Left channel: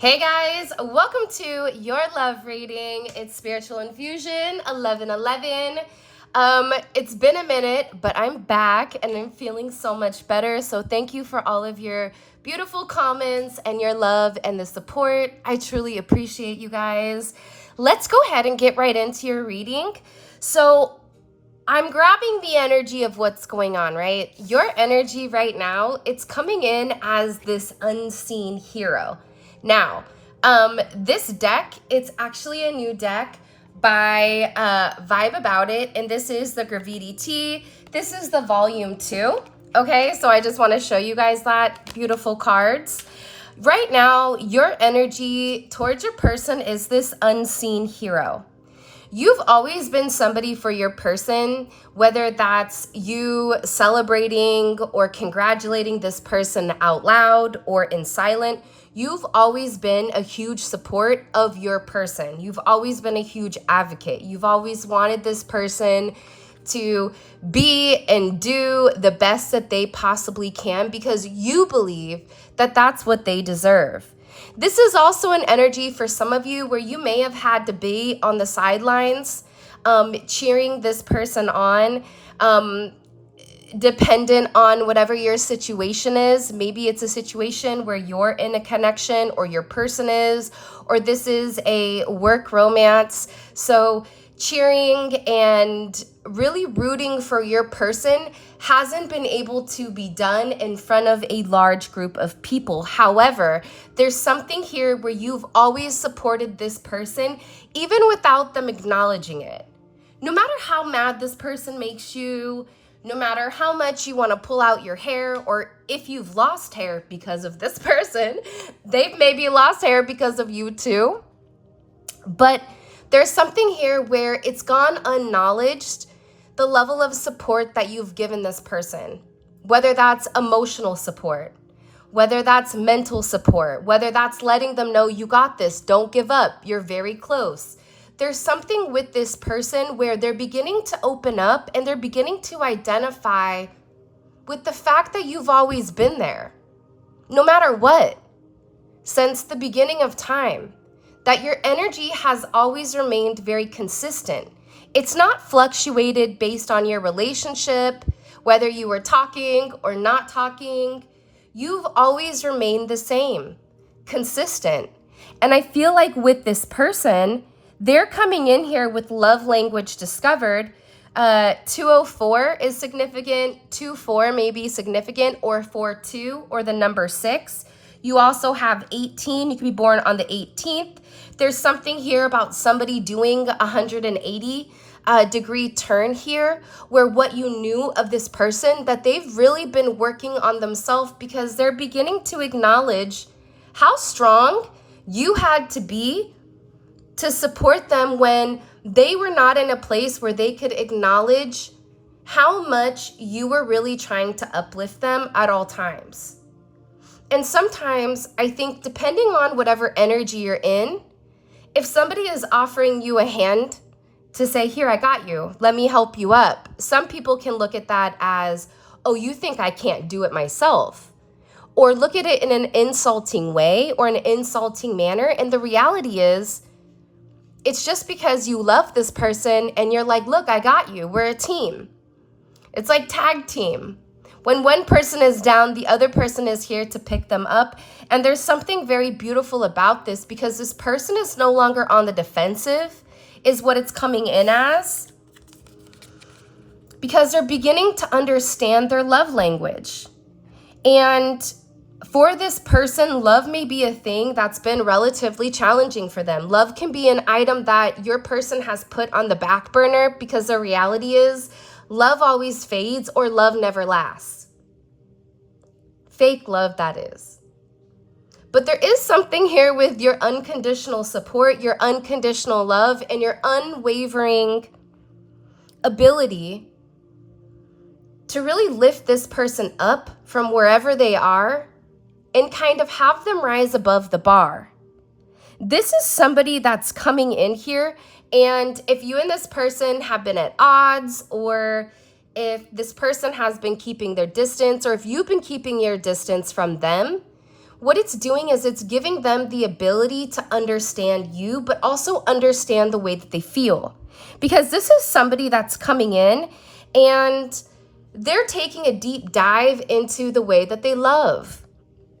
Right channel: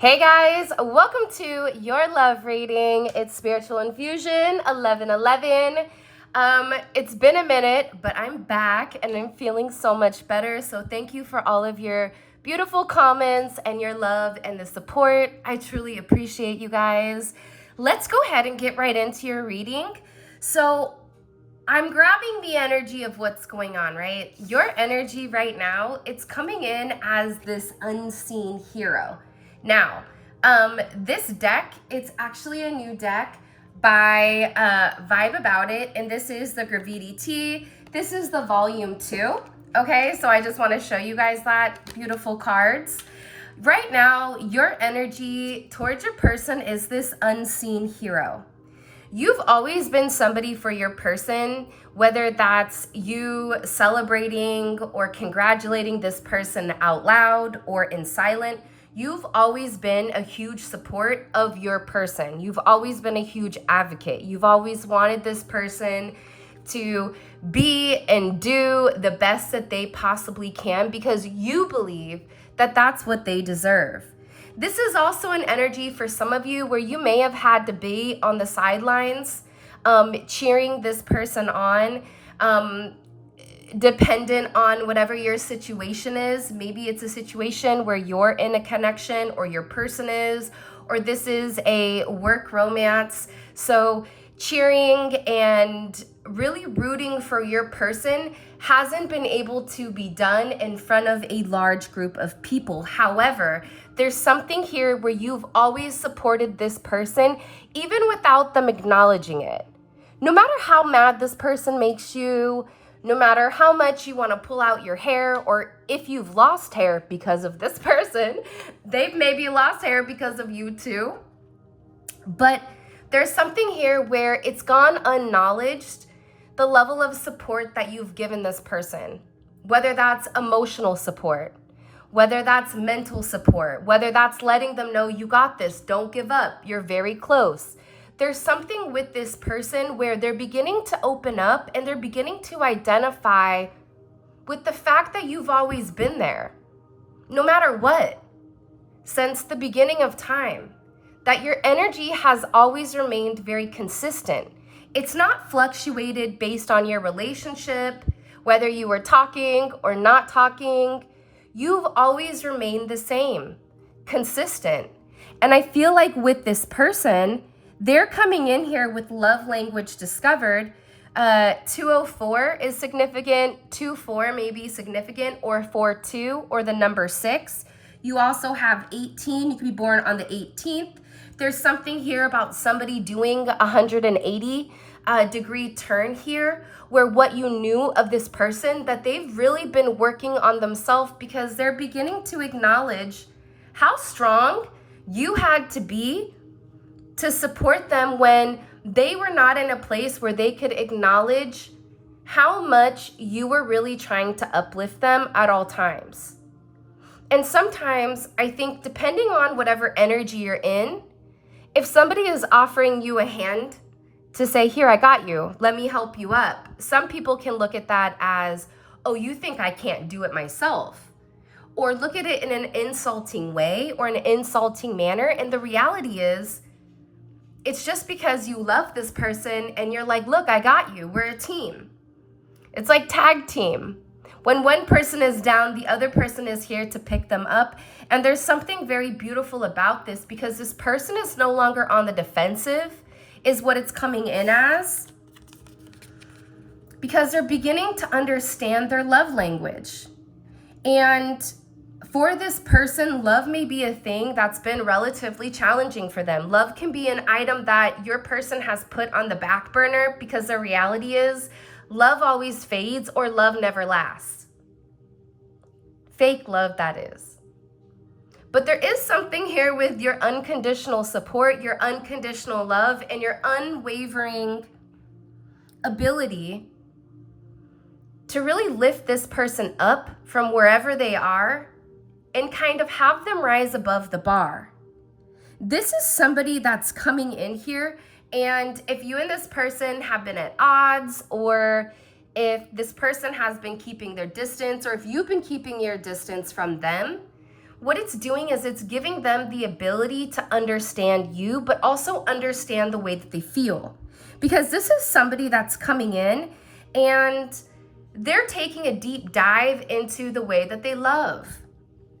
Hey guys, welcome to your love reading. It's Spiritual Infusion 1111. It's been a minute, but I'm back and I'm feeling so much better. So thank you for all of your beautiful comments and your love and the support. I truly appreciate you guys. Let's go ahead and get right into your reading. So I'm grabbing the energy of what's going on, right? Your energy right now, it's coming in as this unseen hero. Now, this deck, it's actually a new deck by Vibe About It, and this is the Gravity Tea. This is the volume 2, okay? So I just want to show you guys that. Beautiful cards. Right now, your energy towards your person is this unseen hero. You've always been somebody for your person, whether that's you celebrating or congratulating this person out loud or in silent. You've always been a huge support of your person. You've always been a huge advocate. You've always wanted this person to be and do the best that they possibly can because you believe that that's what they deserve. This is also an energy for some of you where you may have had to be on the sidelines, cheering this person on, dependent on whatever your situation is. Maybe it's a situation where you're in a connection or your person is, or this is a work romance. So cheering and really rooting for your person hasn't been able to be done in front of a large group of people. However, there's something here where you've always supported this person, even without them acknowledging it. No matter how mad this person makes you, no matter how much you want to pull out your hair, or if you've lost hair because of this person, they've maybe lost hair because of you too. But there's something here where it's gone unacknowledged, the level of support that you've given this person, whether that's emotional support, whether that's mental support, whether that's letting them know you got this, don't give up, you're very close. There's something with this person where they're beginning to open up and they're beginning to identify with the fact that you've always been there, no matter what, since the beginning of time, that your energy has always remained very consistent. It's not fluctuated based on your relationship, whether you were talking or not talking. You've always remained the same, consistent. And I feel like with this person, they're coming in here with love language discovered. 204 is significant, 24 may be significant, or 42, or the number 6. You also have 18. You could be born on the 18th. There's something here about somebody doing 180 degree turn here, where what you knew of this person, that they've really been working on themselves because they're beginning to acknowledge how strong you had to be to support them when they were not in a place where they could acknowledge how much you were really trying to uplift them at all times. And sometimes I think depending on whatever energy you're in, if somebody is offering you a hand to say, here, I got you, let me help you up, some people can look at that as, oh, you think I can't do it myself? Or look at it in an insulting way or an insulting manner. And the reality is, it's just because you love this person and you're like, look, I got you, we're a team. It's like tag team. When one person is down, the other person is here to pick them up. And there's something very beautiful about this because this person is no longer on the defensive, is what it's coming in as. Because they're beginning to understand their love language. And for this person, love may be a thing that's been relatively challenging for them. Love can be an item that your person has put on the back burner because the reality is, love always fades or love never lasts. Fake love, that is. But there is something here with your unconditional support, your unconditional love, and your unwavering ability to really lift this person up from wherever they are and kind of have them rise above the bar. This is somebody that's coming in here. And if you and this person have been at odds, or if this person has been keeping their distance, or if you've been keeping your distance from them, what it's doing is it's giving them the ability to understand you, but also understand the way that they feel. Because this is somebody that's coming in and they're taking a deep dive into the way that they love,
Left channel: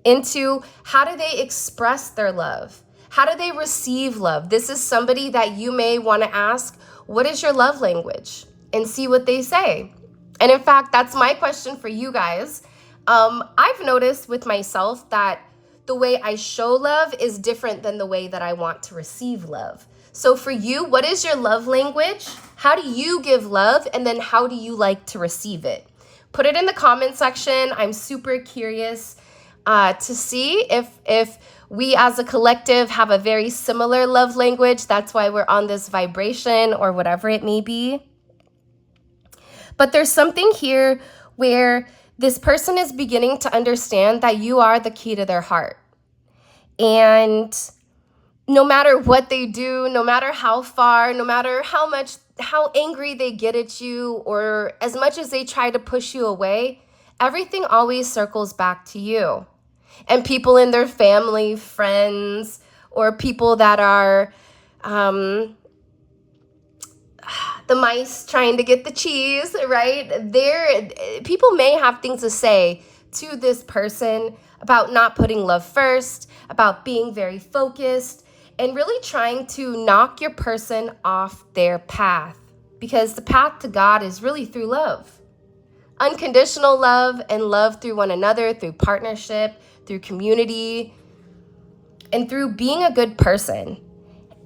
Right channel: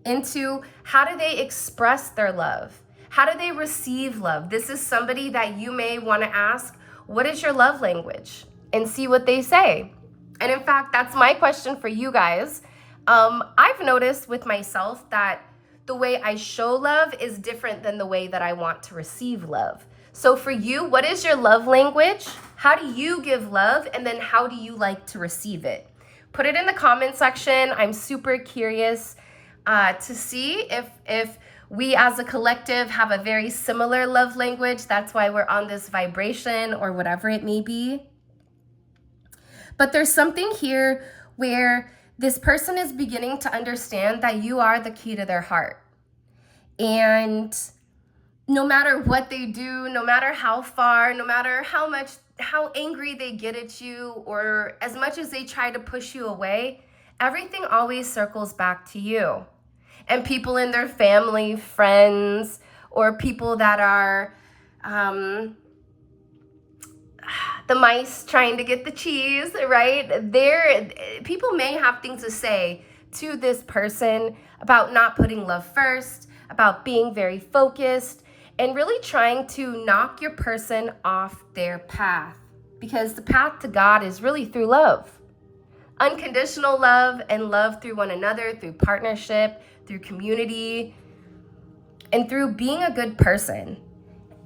into how do they express their love? How do they receive love? This is somebody that you may want to ask, what is your love language? And see what they say. And in fact, that's my question for you guys. I've noticed with myself that the way I show love is different than the way that I want to receive love. So for you, what is your love language? How do you give love? And then how do you like to receive it? Put it in the comment section. I'm super curious to see if we as a collective have a very similar love language. That's why we're on this vibration or whatever it may be. But there's something here where this person is beginning to understand that you are the key to their heart. And no matter what they do, no matter how far, no matter how angry they get at you, or as much as they try to push you away, everything always circles back to you. And people in their family, friends, or people that are the mice trying to get the cheese, right? People may have things to say to this person about not putting love first, about being very focused, and really trying to knock your person off their path. Because the path to God is really through love. Unconditional love and love through one another, through partnership, through community, and through being a good person.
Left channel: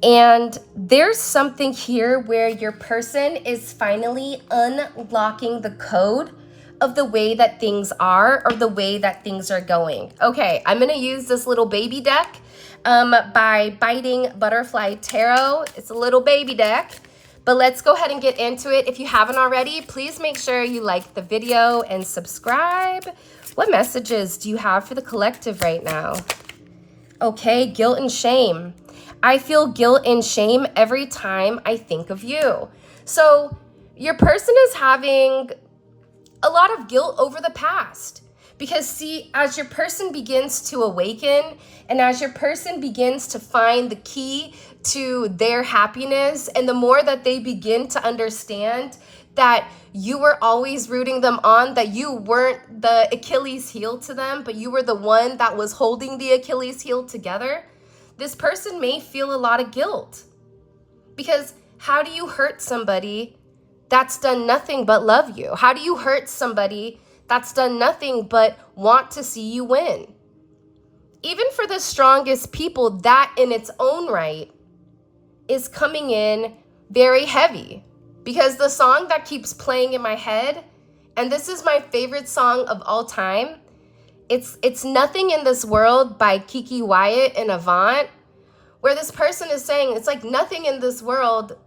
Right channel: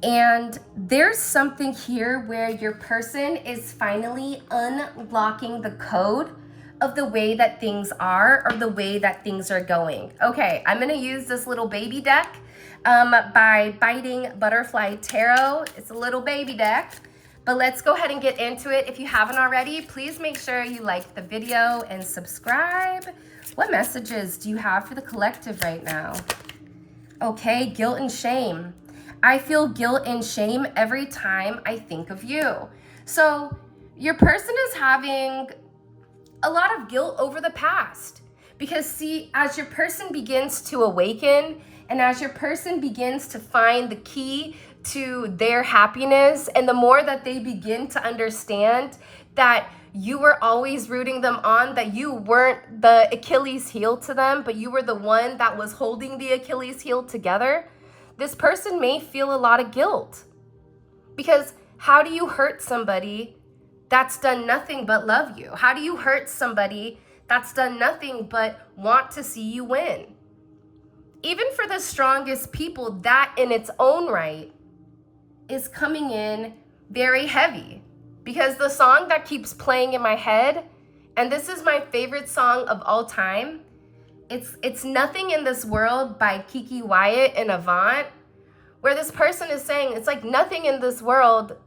And there's something here where your person is finally unlocking the code of the way that things are or the way that things are going. Okay, I'm going to use this little baby deck by Biting Butterfly Tarot. It's a little baby deck, but let's go ahead and get into it. If you haven't already, please make sure you like the video and subscribe. What messages do you have for the collective right now? Okay, guilt and shame. I feel guilt and shame every time I think of you. So your person is having a lot of guilt over the past. Because see, as your person begins to awaken and as your person begins to find the key to their happiness, and the more that they begin to understand that you were always rooting them on, that you weren't the Achilles heel to them, but you were the one that was holding the Achilles heel together, this person may feel a lot of guilt. Because how do you hurt somebody that's done nothing but love you? How do you hurt somebody that's done nothing but want to see you win? Even for the strongest people, that in its own right is coming in very heavy. Because the song that keeps playing in my head, and this is my favorite song of all time, it's Nothing in This World by Kiki Wyatt and Avant, where this person is saying, it's like nothing in this world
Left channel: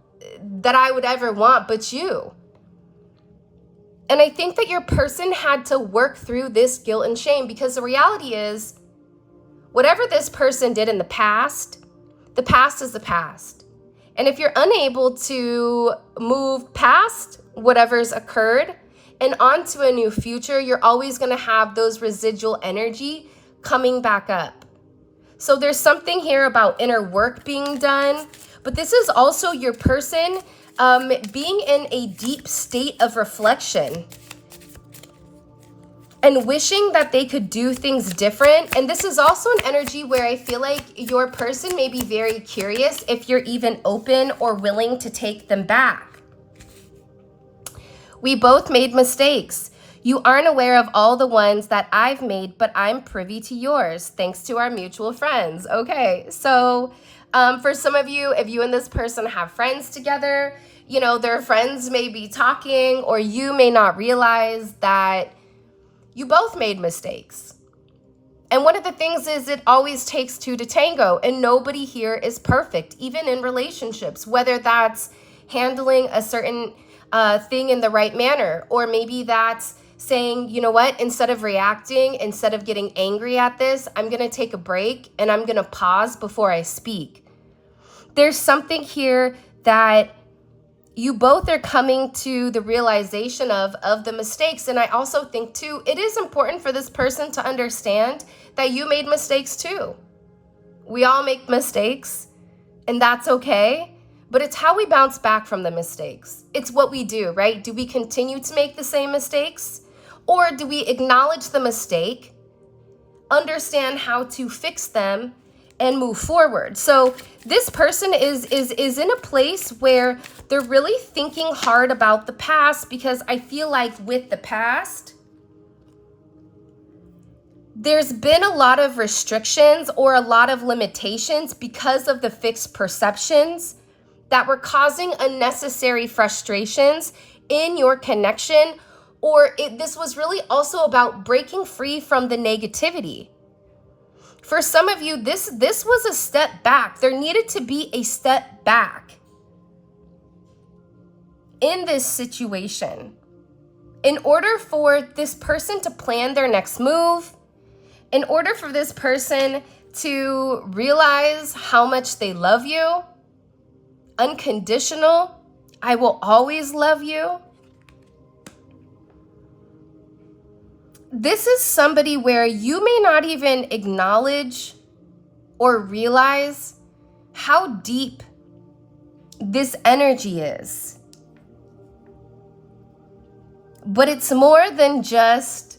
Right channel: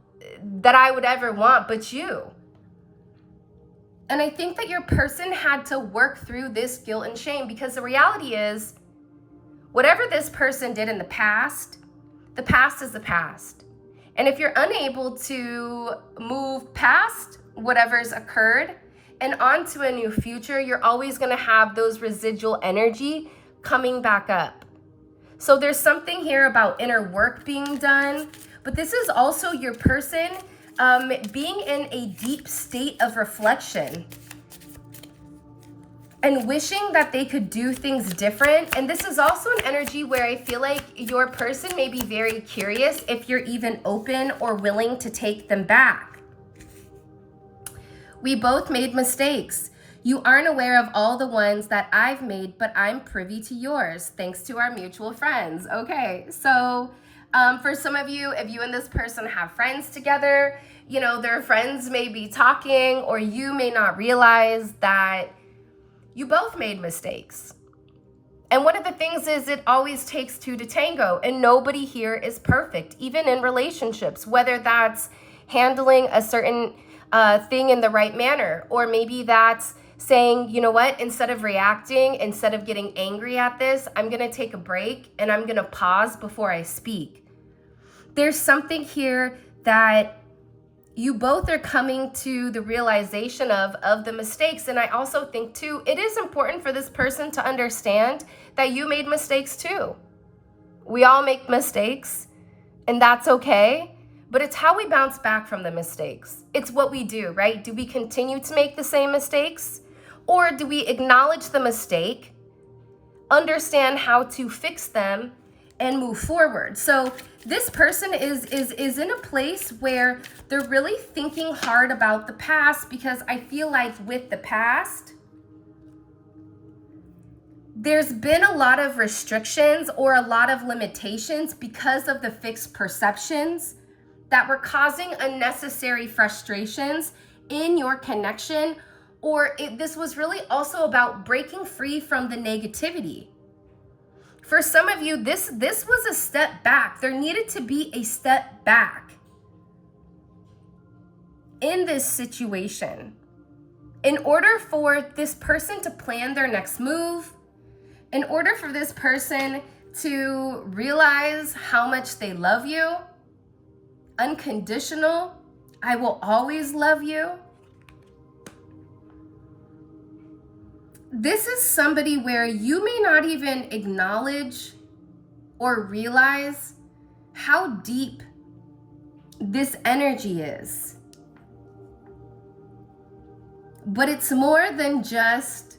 that I would ever want but you. And I think that your person had to work through this guilt and shame, because the reality is, whatever this person did in the past is the past. And if you're unable to move past whatever's occurred and onto a new future, you're always going to have those residual energy coming back up. So there's something here about inner work being done, but this is also your person being in a deep state of reflection and wishing that they could do things different. And this is also an energy where I feel like your person may be very curious if you're even open or willing to take them back. We both made mistakes. You aren't aware of all the ones that I've made, but I'm privy to yours, thanks to our mutual friends. Okay, so for some of you, if you and this person have friends together, you know, their friends may be talking, or you may not realize that you both made mistakes. And one of the things is it always takes two to tango, and nobody here is perfect, even in relationships, whether that's handling a certain thing in the right manner, or maybe that's saying, you know what, instead of reacting, instead of getting angry at this, I'm going to take a break and I'm going to pause before I speak. There's something here that you both are coming to the realization of the mistakes. And I also think too, it is important for this person to understand that you made mistakes too. We all make mistakes, and that's okay. But it's how we bounce back from the mistakes. It's what we do, right? Do we continue to make the same mistakes? Or do we acknowledge the mistake, understand how to fix them, and move forward? So this person is in a place where they're really thinking hard about the past, because I feel like with the past, there's been a lot of restrictions or a lot of limitations because of the fixed perceptions that were causing unnecessary frustrations in your connection. Or this was really also about breaking free from the negativity. For some of you, this was a step back. There needed to be a step back in this situation in order for this person to plan their next move, in order for this person to realize how much they love you. Unconditional, I will always love you. This is somebody where you may not even acknowledge or realize how deep this energy is. But it's more than just,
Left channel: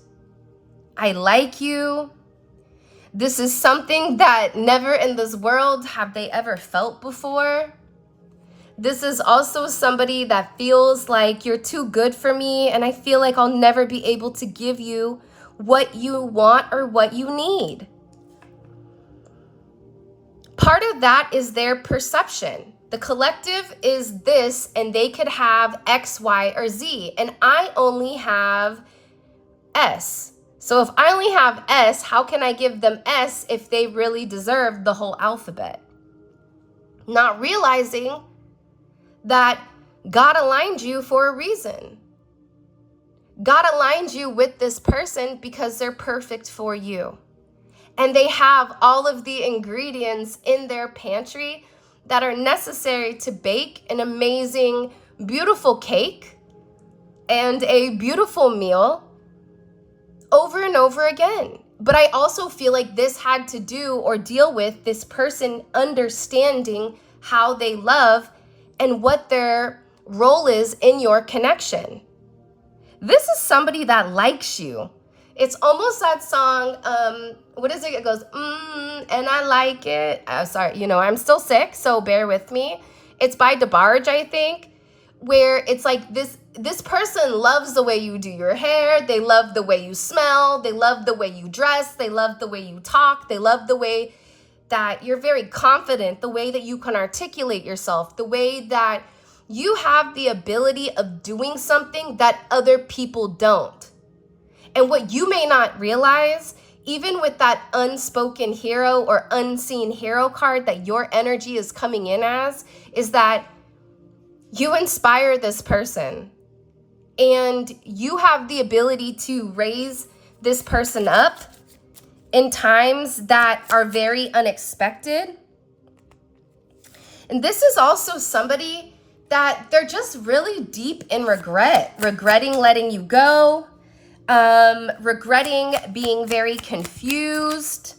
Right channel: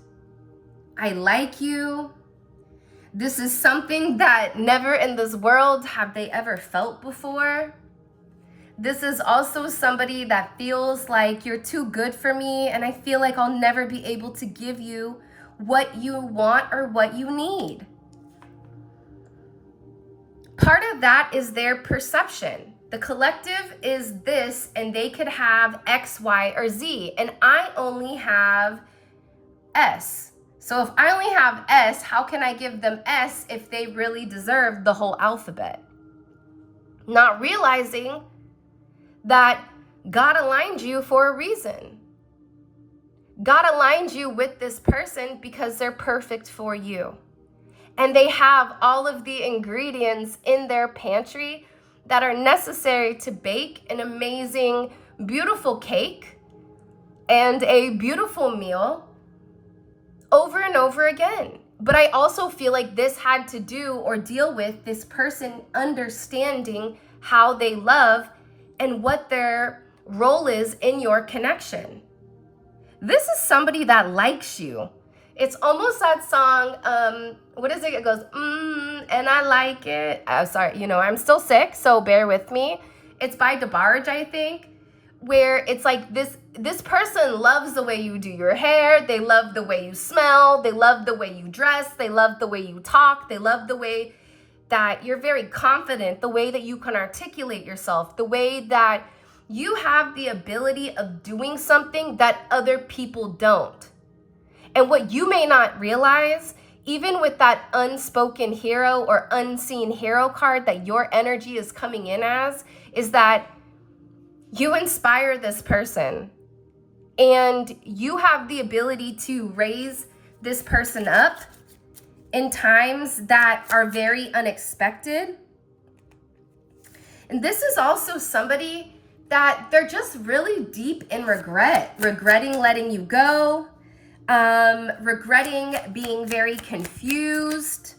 I like you. This is something that never in this world have they ever felt before. This is also somebody that feels like you're too good for me, and I feel like I'll never be able to give you what you want or what you need. Part of that is their perception. The collective is this, and they could have X, Y, or Z, and I only have S. So if I only have S, how can I give them S if they really deserve the whole alphabet? Not realizing that God aligned you for a reason. God aligned you with this person because they're perfect for you. And they have all of the ingredients in their pantry that are necessary to bake an amazing, beautiful cake and a beautiful meal over and over again. But I also feel like this had to do or deal with this person understanding how they love and what their role is in your connection. This is somebody that likes you. It's almost that song, what is it? It goes, and I like it. Sorry, I'm still sick, so bear with me. It's by DeBarge, I think, where it's like this person loves the way you do your hair. They love the way you smell. They love the way you dress. They love the way you talk. They love the way that you're very confident, the way that you can articulate yourself, the way that you have the ability of doing something that other people don't. And what you may not realize, even with that unspoken hero or unseen hero card that your energy is coming in as, is that you inspire this person and you have the ability to raise this person up in times that are very unexpected. And this is also somebody that they're just really deep in regretting letting you go, regretting being very confused.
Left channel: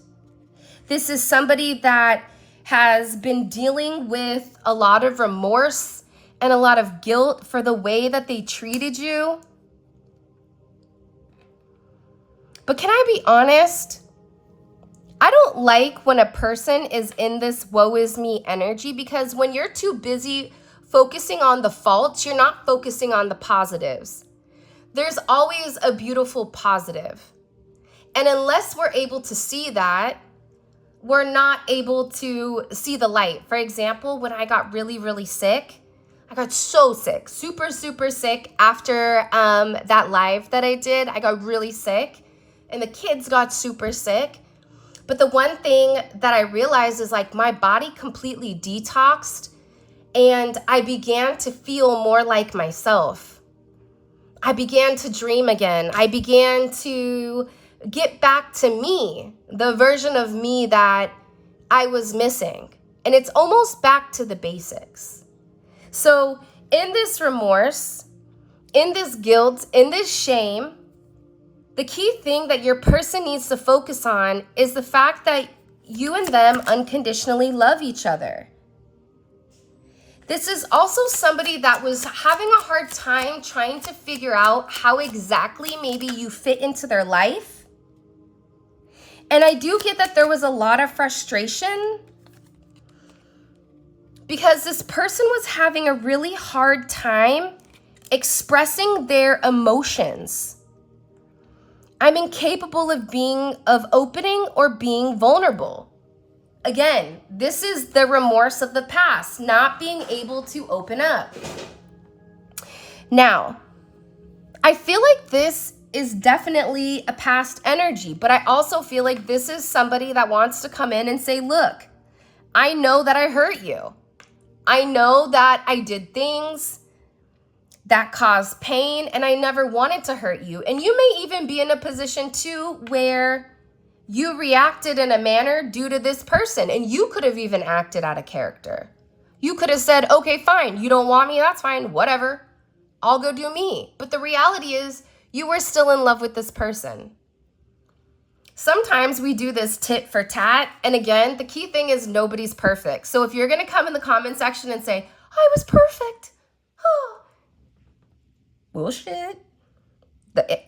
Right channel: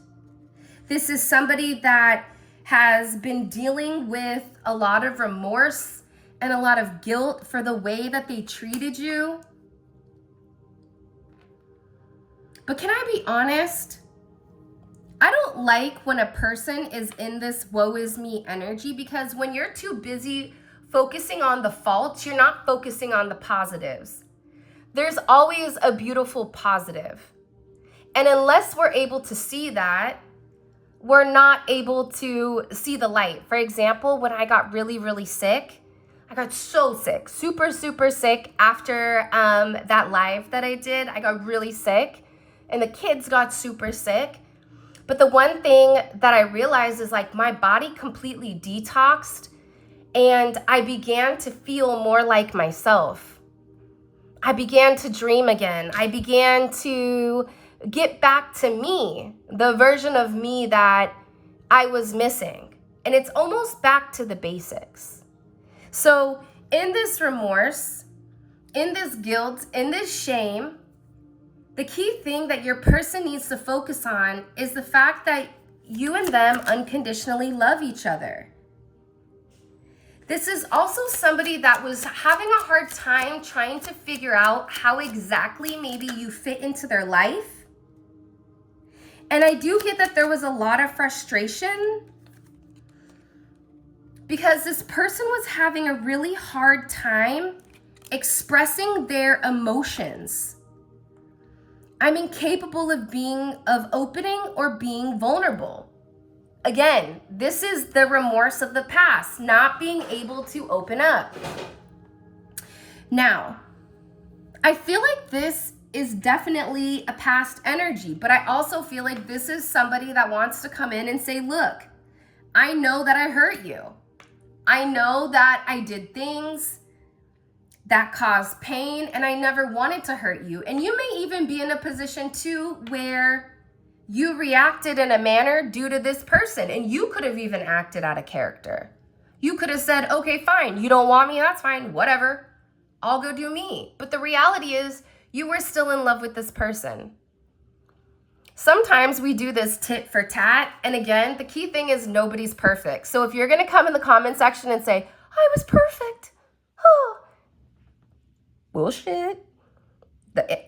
This is somebody that has been dealing with a lot of remorse and a lot of guilt for the way that they treated you. But can I be honest? I don't like when a person is in this woe is me energy, because when you're too busy focusing on the faults, you're not focusing on the positives. There's always a beautiful positive. And unless we're able to see that, we're not able to see the light. For example, when I got really, really sick, I got so sick, super, super sick after that live that I did. I got really sick and the kids got super sick. But the one thing that I realized is like my body completely detoxed and I began to feel more like myself. I began to dream again. I began to get back to me, the version of me that I was missing. And it's almost back to the basics. So in this remorse, in this guilt, in this shame, the key thing that your person needs to focus on is the fact that you and them unconditionally love each other. This is also somebody that was having a hard time trying to figure out how exactly maybe you fit into their life. And I do get that there was a lot of frustration because this person was having a really hard time expressing their emotions. I'm incapable of opening or being vulnerable. Again, this is the remorse of the past, not being able to open up. Now, I feel like this is definitely a past energy, but I also feel like this is somebody that wants to come in and say, look, I know that I hurt you. I know that I did things that caused pain, and I never wanted to hurt you. And you may even be in a position too where you reacted in a manner due to this person, and you could have even acted out of character. You could have said, okay, fine, you don't want me, that's fine, whatever, I'll go do me. But the reality is you were still in love with this person. Sometimes we do this tit for tat, and again, the key thing is nobody's perfect. So if you're gonna come in the comment section and say, I was perfect, oh, bullshit.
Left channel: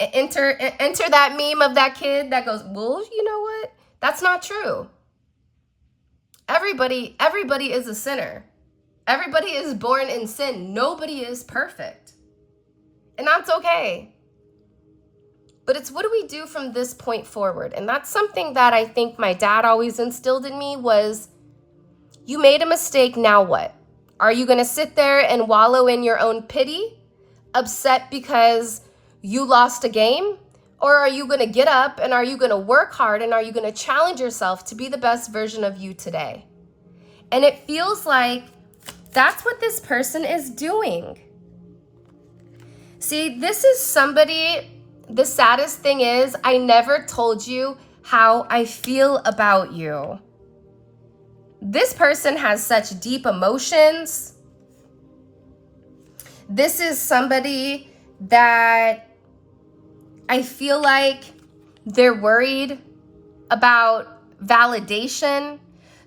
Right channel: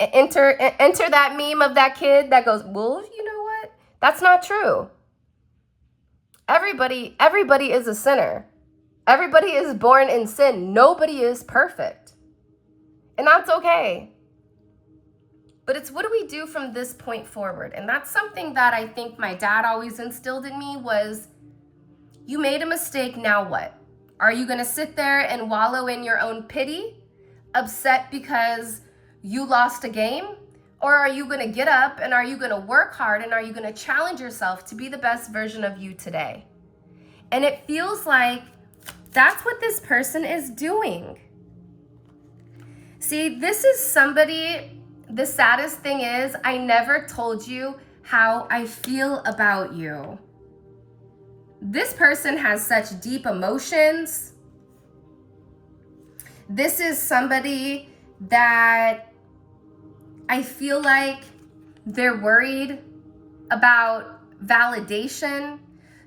Enter that meme of that kid that goes, well, you know what? That's not true. Everybody is a sinner. Everybody is born in sin. Nobody is perfect. And that's okay. But it's what do we do from this point forward? And that's something that I think my dad always instilled in me was, you made a mistake, now what? Are you gonna sit there and wallow in your own pity, upset because you lost a game? Or are you gonna get up and are you gonna work hard and are you gonna challenge yourself to be the best version of you today? And it feels like that's what this person is doing. See, this is somebody, the saddest thing is I never told you how I feel about you. This person has such deep emotions. This is somebody that I feel like they're worried about validation.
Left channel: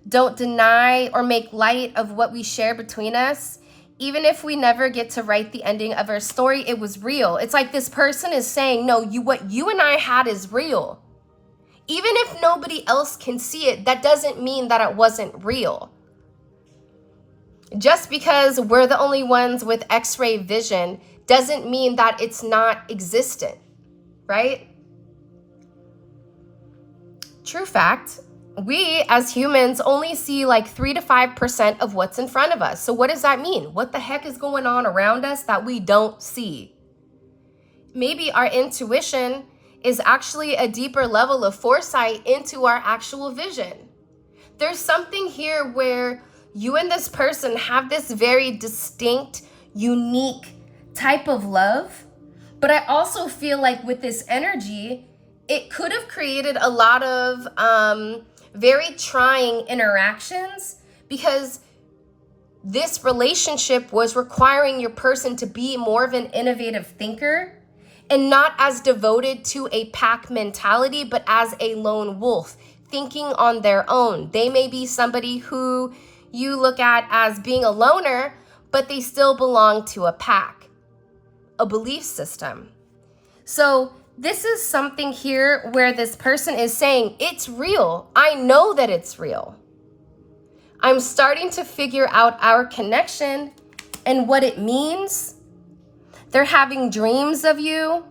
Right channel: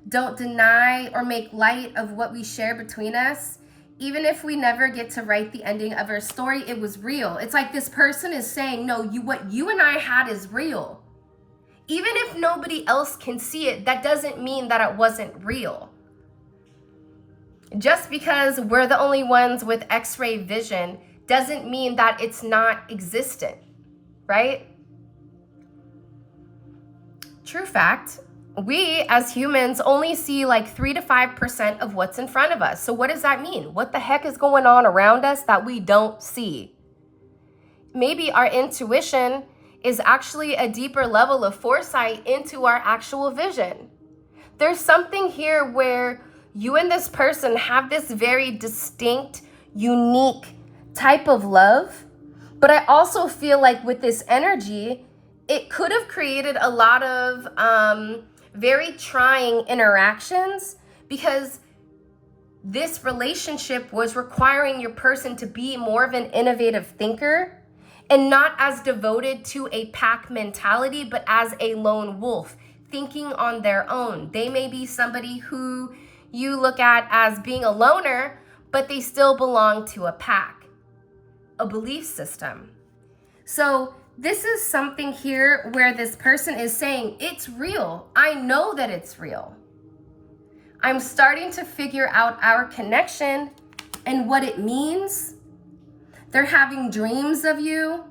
Don't deny or make light of what we share between us. Even if we never get to write the ending of our story, it was real. It's like this person is saying, no, what you and I had is real. Even if nobody else can see it, that doesn't mean that it wasn't real. Just because we're the only ones with X-ray vision doesn't mean that it's not existent, right? True fact, we as humans only see like 3 to 5% of what's in front of us. So what does that mean? What the heck is going on around us that we don't see? Maybe our intuition is actually a deeper level of foresight into our actual vision. There's something here where you and this person have this very distinct, unique type of love, but I also feel like with this energy, it could have created a lot of very trying interactions because this relationship was requiring your person to be more of an innovative thinker and not as devoted to a pack mentality, but as a lone wolf, thinking on their own. They may be somebody who you look at as being a loner, but they still belong to a pack, a belief system. So this is something here where this person is saying, it's real. I know that it's real. I'm starting to figure out our connection and what it means. They're having dreams of you.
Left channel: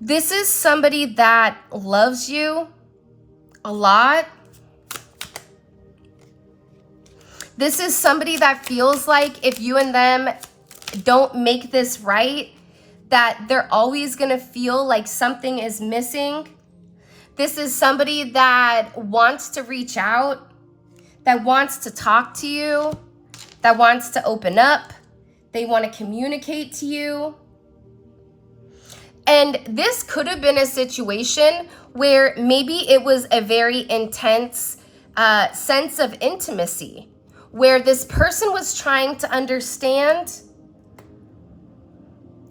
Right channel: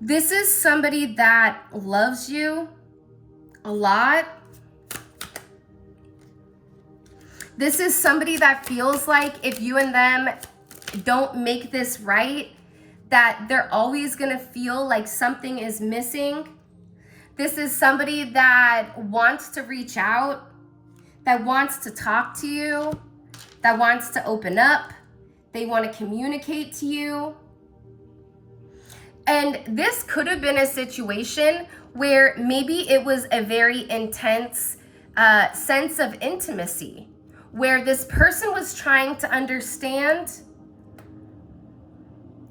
This is somebody that loves you a lot. This is somebody that feels like if you and them don't make this right, that they're always gonna feel like something is missing. This is somebody that wants to reach out, that wants to talk to you, that wants to open up. They want to communicate to you. And this could have been a situation where maybe it was a very intense sense of intimacy, where this person was trying to understand,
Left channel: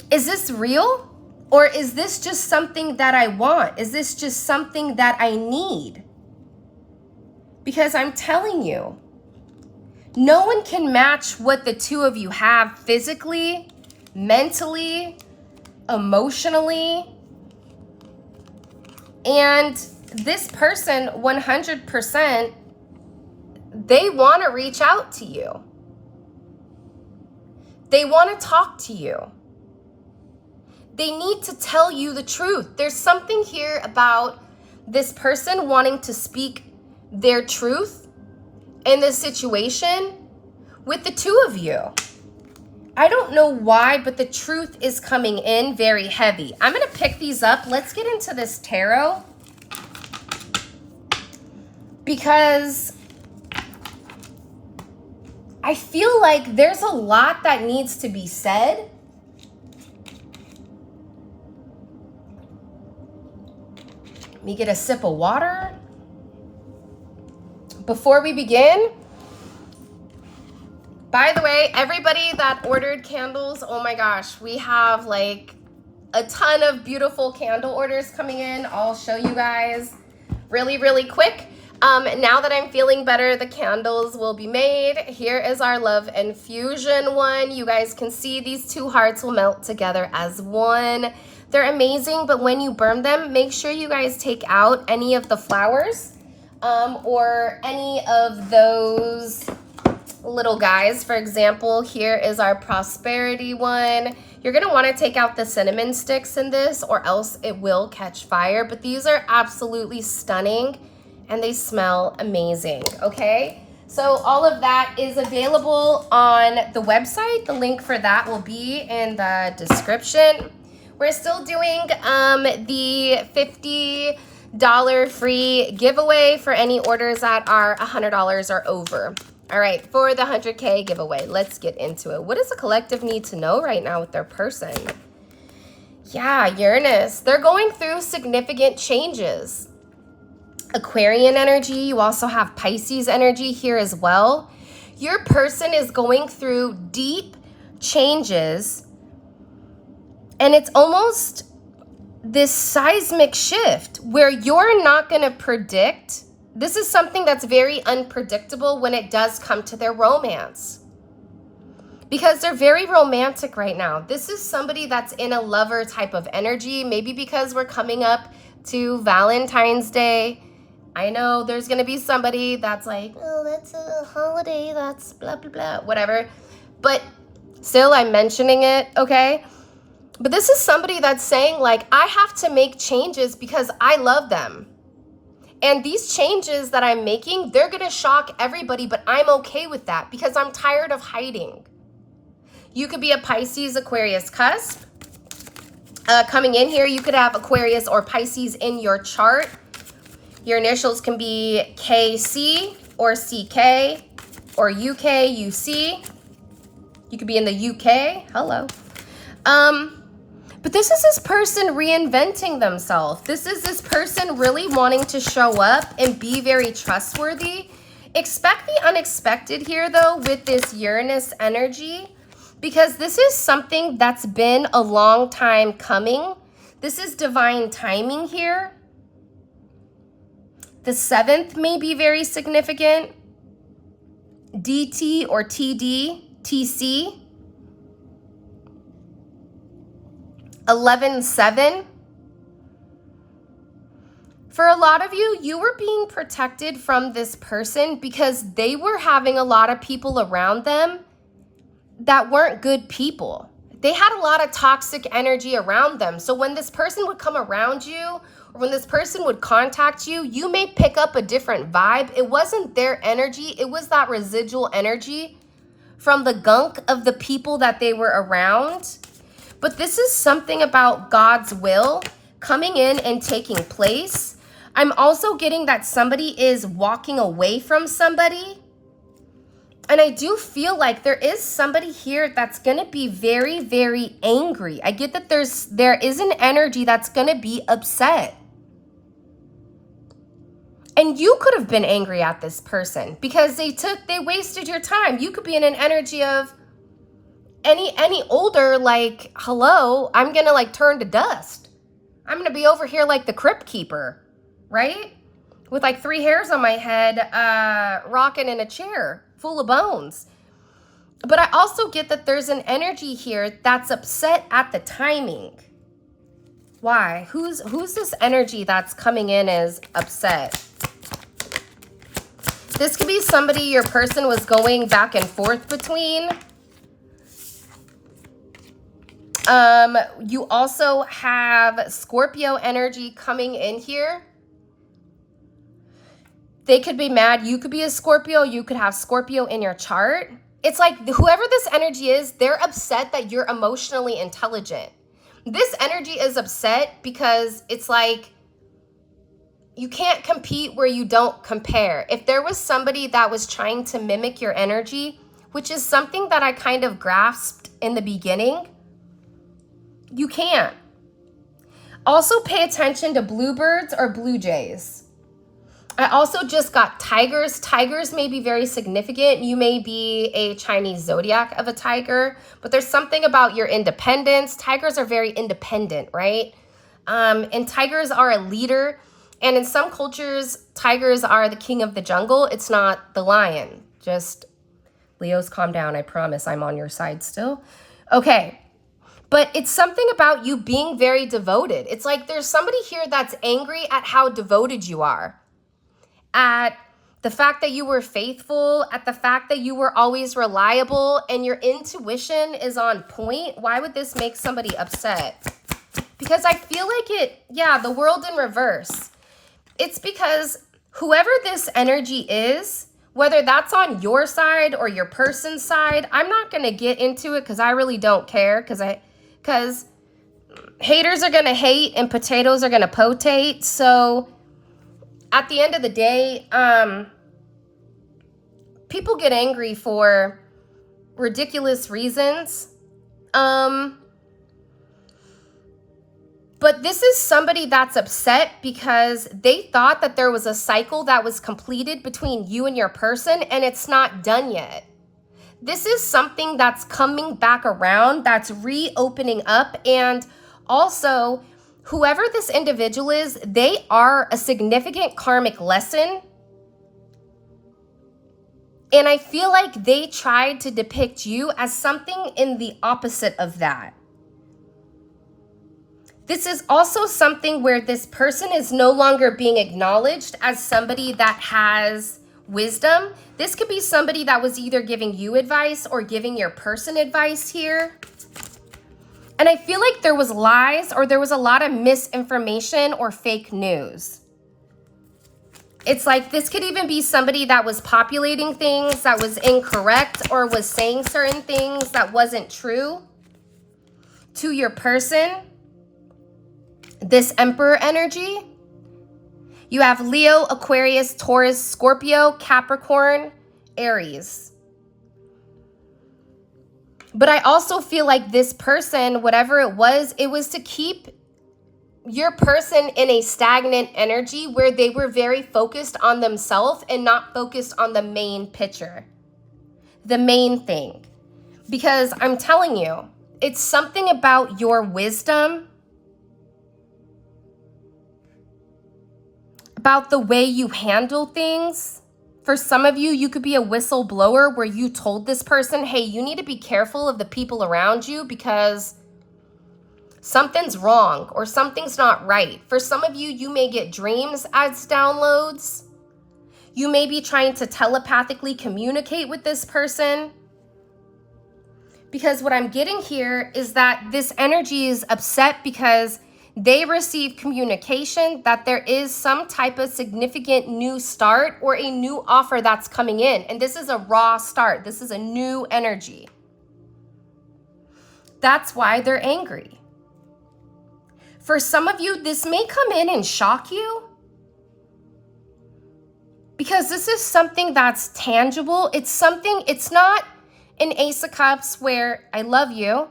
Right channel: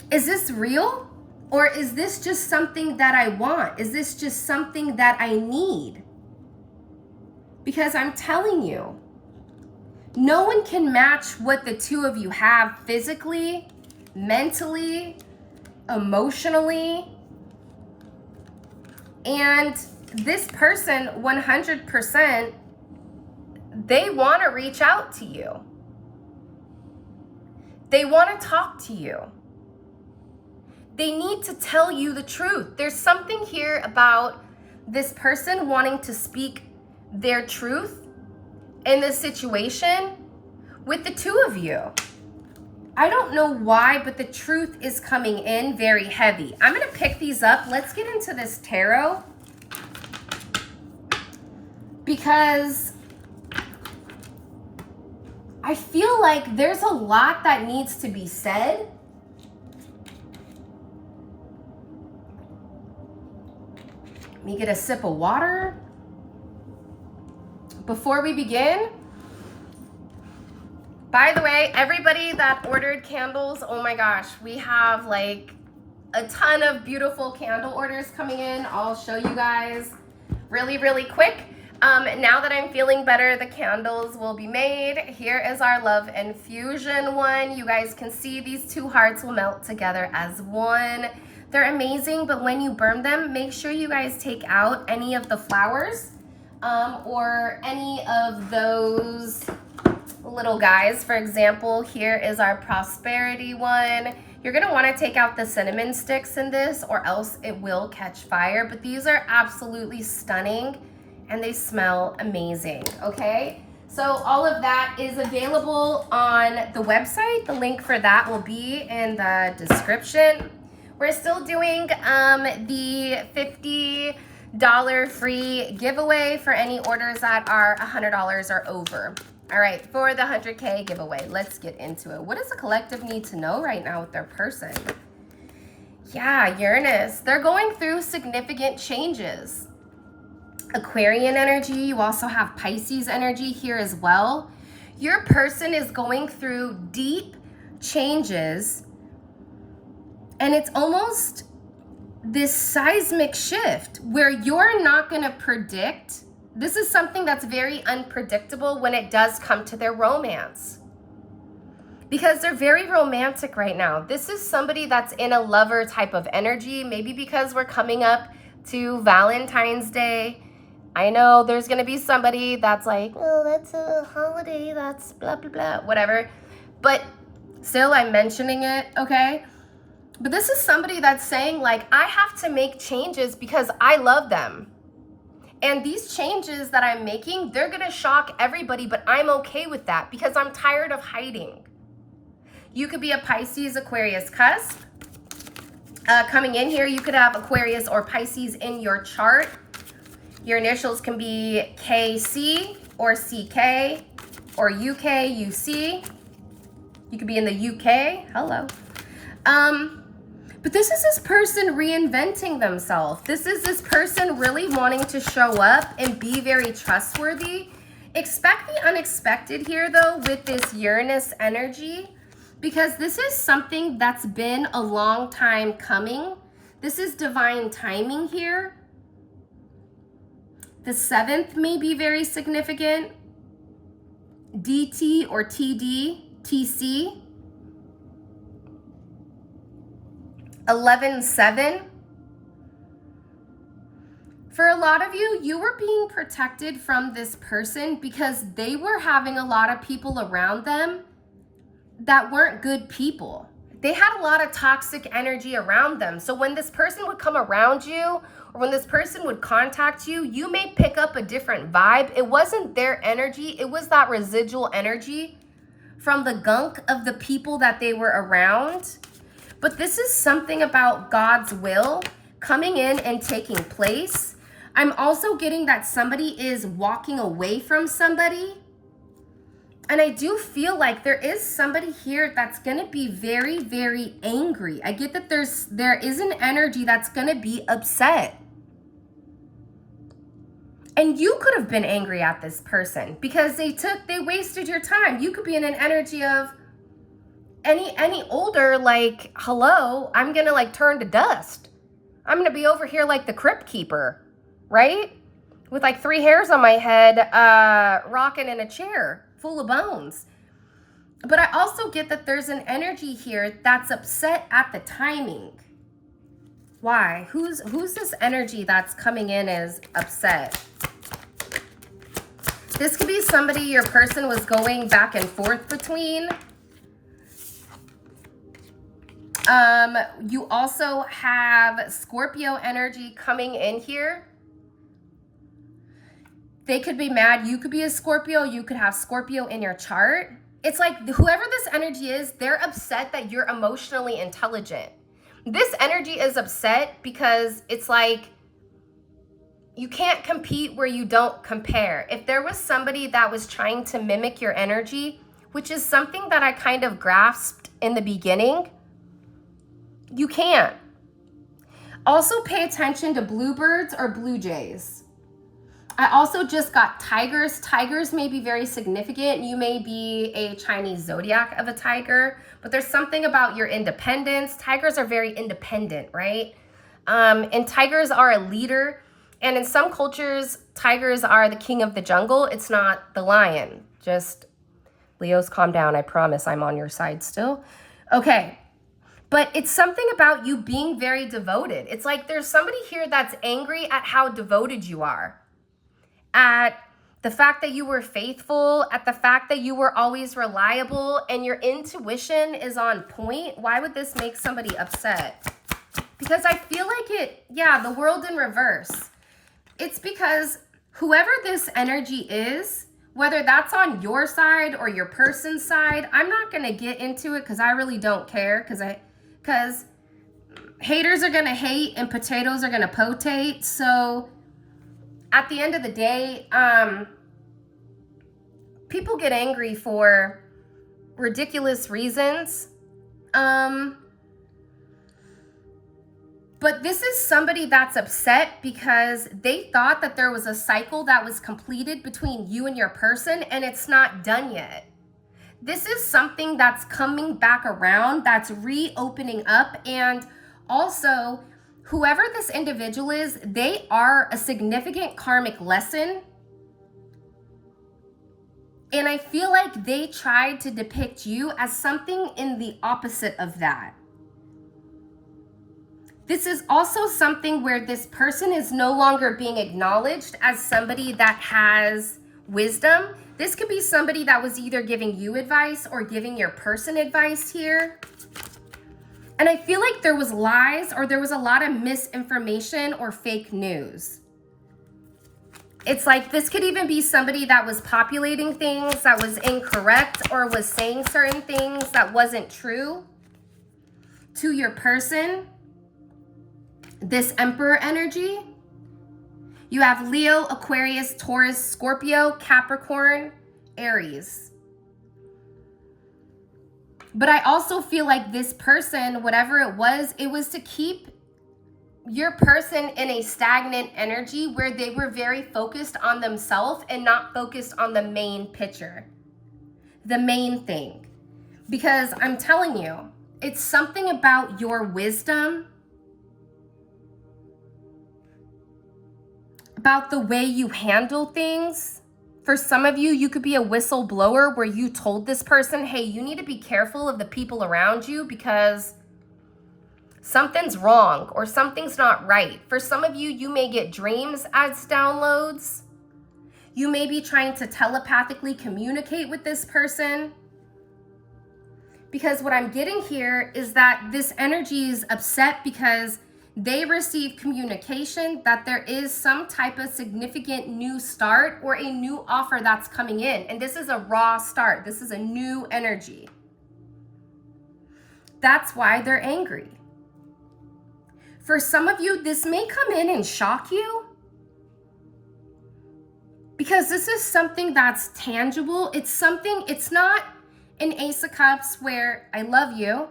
is this real? Or is this just something that I want? Is this just something that I need? Because I'm telling you, no one can match what the two of you have physically, mentally, emotionally. And this person, 100%, they want to reach out to you. They want to talk to you. They need to tell you the truth. There's something here about this person wanting to speak their truth in this situation with the two of you. I don't know why, but the truth is coming in very heavy. I'm going to pick these up. Let's get into this tarot, because I feel like there's a lot that needs to be said. Let me get a sip of water before we begin. By the way, everybody that ordered candles, oh my gosh, we have like a ton of beautiful candle orders coming in. I'll show you guys really, really quick. Now that I'm feeling better, the candles will be made. Here is our Love Infusion one. You guys can see these two hearts will melt together as one. They're amazing, but when you burn them, make sure you guys take out any of the flowers or any of those little guys. For example, here is our Prosperity one. You're going to want to take out the cinnamon sticks in this, or else it will catch fire. But these are absolutely stunning and they smell amazing, okay? So all of that is available on the website. The link for that will be in the description. We're still doing the $50 free giveaway for any orders that are $100 or over. All right, for the 100K giveaway, let's get into it. What does the collective need to know right now with their person? Yeah, Uranus. They're going through significant changes. Aquarian energy. You also have Pisces energy here as well. Your person is going through deep changes. And it's almost this seismic shift where you're not going to predict. This is something that's very unpredictable when it does come to their romance, because they're very romantic right now. This is somebody that's in a lover type of energy, maybe because we're coming up to Valentine's Day. I know there's going to be somebody that's like, oh, that's a holiday, that's blah, blah, blah, whatever. But still, I'm mentioning it, okay? But this is somebody that's saying, like, I have to make changes because I love them. And these changes that I'm making, they're going to shock everybody, but I'm okay with that because I'm tired of hiding. You could be a Pisces, Aquarius cusp. Coming in here, you could have Aquarius or Pisces in your chart. Your initials can be KC or CK or UK, UC. You could be in the UK. Hello. But this is this person reinventing themselves. This is this person really wanting to show up and be very trustworthy. Expect the unexpected here, though, with this Uranus energy, because this is something that's been a long time coming. This is divine timing here. The 7th may be very significant. DT or TD, TC. 11-7. For a lot of you, you were being protected from this person because they were having a lot of people around them that weren't good people. They had a lot of toxic energy around them. So when this person would come around you, or when this person would contact you, you may pick up a different vibe. It wasn't their energy. It was that residual energy from the gunk of the people that they were around. But this is something about God's will coming in and taking place. I'm also getting that somebody is walking away from somebody. And I do feel like there is somebody here that's going to be very, very angry. I get that there is an energy that's going to be upset. And you could have been angry at this person because they wasted your time. You could be in an energy of any older, like, hello, I'm gonna like turn to dust. I'm gonna be over here like the crypt keeper, right? With like 3 hairs on my head, rocking in a chair full of bones. But I also get that there's an energy here that's upset at the timing. Why? Who's this energy that's coming in as upset? This could be somebody your person was going back and forth between. You also have Scorpio energy coming in here. They could be mad. You could be a Scorpio. You could have Scorpio in your chart. It's like whoever this energy is, they're upset that you're emotionally intelligent. This energy is upset because it's like you can't compete where you don't compare. If there was somebody that was trying to mimic your energy, which is something that I kind of grasped in the beginning, you can't. Also pay attention to bluebirds or blue jays. I also just got tigers. Tigers may be very significant. You may be a Chinese zodiac of a tiger, but there's something about your independence. Tigers are very independent, right? And tigers are a leader. And in some cultures, tigers are the king of the jungle. It's not the lion. Just, Leos, calm down. I promise I'm on your side still. Okay. But it's something about you being very devoted. It's like there's somebody here that's angry at how devoted you are. At the fact that you were faithful, at the fact that you were always reliable and your intuition is on point. Why would this make somebody upset? Because I feel like the world in reverse. It's because whoever this energy is, whether that's on your side or your person's side, I'm not going to get into it because I really don't care because haters are going to hate and potatoes are going to potate. So at the end of the day, people get angry for ridiculous reasons. But this is somebody that's upset because they thought that there was a cycle that was completed between you and your person, and it's not done yet. This is something that's coming back around, that's reopening up, and also whoever this individual is, they are a significant karmic lesson. And I feel like they tried to depict you as something in the opposite of that. This is also something where this person is no longer being acknowledged as somebody that has wisdom. This could be somebody that was either giving you advice or giving your person advice here. And I feel like there was lies or there was a lot of misinformation or fake news. It's like this could even be somebody that was populating things that was incorrect or was saying certain things that wasn't true to your person. This Emperor energy. You have Leo, Aquarius, Taurus, Scorpio, Capricorn, Aries. But I also feel like this person, whatever it was to keep your person in a stagnant energy where they were very focused on themselves and not focused on the main picture, the main thing. Because I'm telling you, it's something about your wisdom, about the way you handle things. For some of you, you could be a whistleblower where you told this person, hey, you need to be careful of the people around you because something's wrong or something's not right. For some of you, you may get dreams as downloads. You may be trying to telepathically communicate with this person. Because what I'm getting here is that this energy is upset because they receive communication that there is some type of significant new start or a new offer that's coming in. And this is a raw start. This is a new energy. That's why they're angry. For some of you, this may come in and shock you because this is something that's tangible. It's not an Ace of Cups where I love you.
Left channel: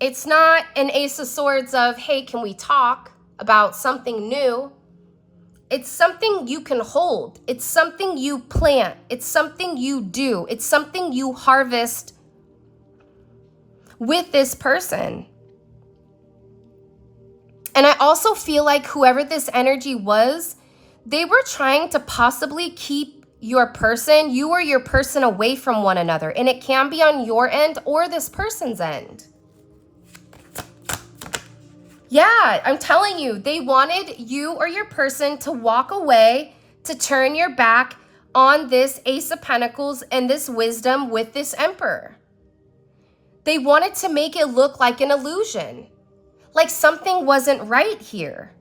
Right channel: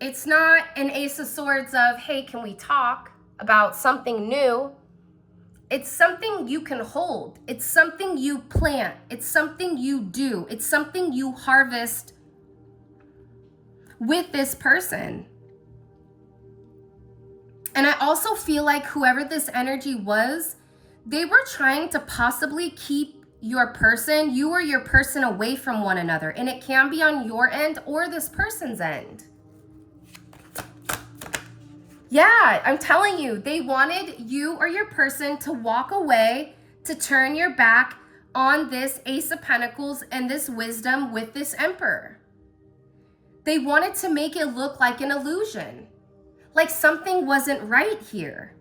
It's not an Ace of Swords of, hey, can we talk about something new? It's something you can hold. It's something you plant. It's something you do. It's something you harvest with this person. And I also feel like whoever this energy was, they were trying to possibly keep you or your person away from one another. And it can be on your end or this person's end. Yeah, I'm telling you, they wanted you or your person to walk away, to turn your back on this Ace of Pentacles and this wisdom with this Emperor. They wanted to make it look like an illusion, like something wasn't right here.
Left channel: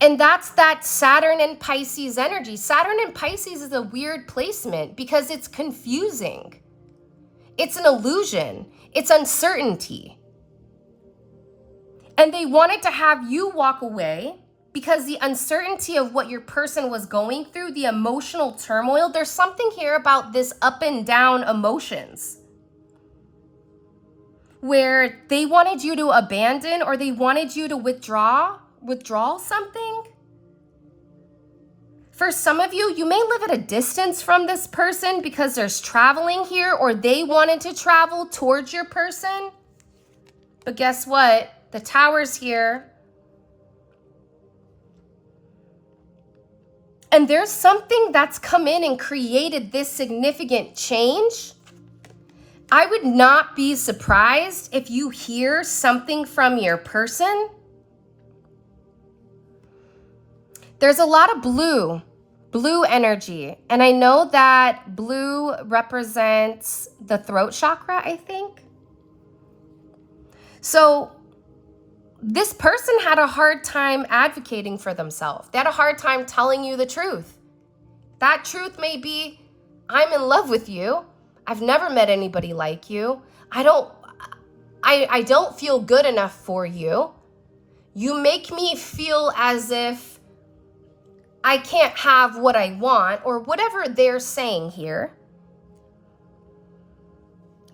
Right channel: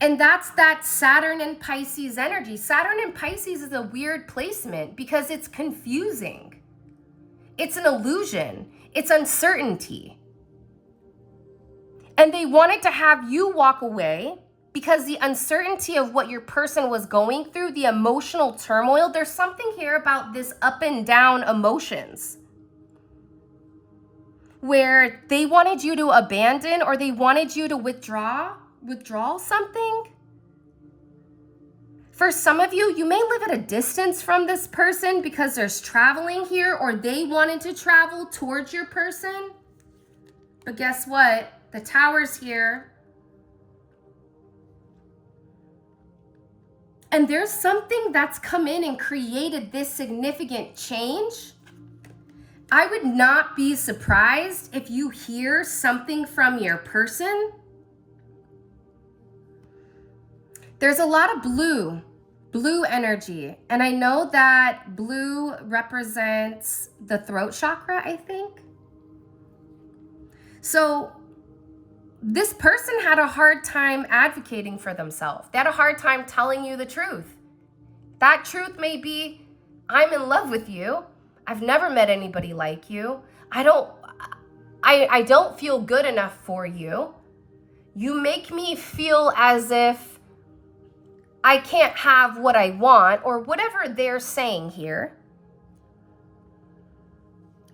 And that's that Saturn and Pisces energy. Saturn and Pisces is a weird placement because it's confusing. It's an illusion. It's uncertainty. And they wanted to have you walk away because the uncertainty of what your person was going through, the emotional turmoil, there's something here about this up and down emotions where they wanted you to abandon or they wanted you to withdraw something. For some of you, you may live at a distance from this person because there's traveling here or they wanted to travel towards your person. But guess what? The Tower's here. And there's something that's come in and created this significant change. I would not be surprised if you hear something from your person. There's a lot of blue energy. And I know that blue represents the throat chakra, I think. So this person had a hard time advocating for themselves. They had a hard time telling you the truth. That truth may be, I'm in love with you. I've never met anybody like you. I don't feel good enough for you. You make me feel as if I can't have what I want, or whatever they're saying here.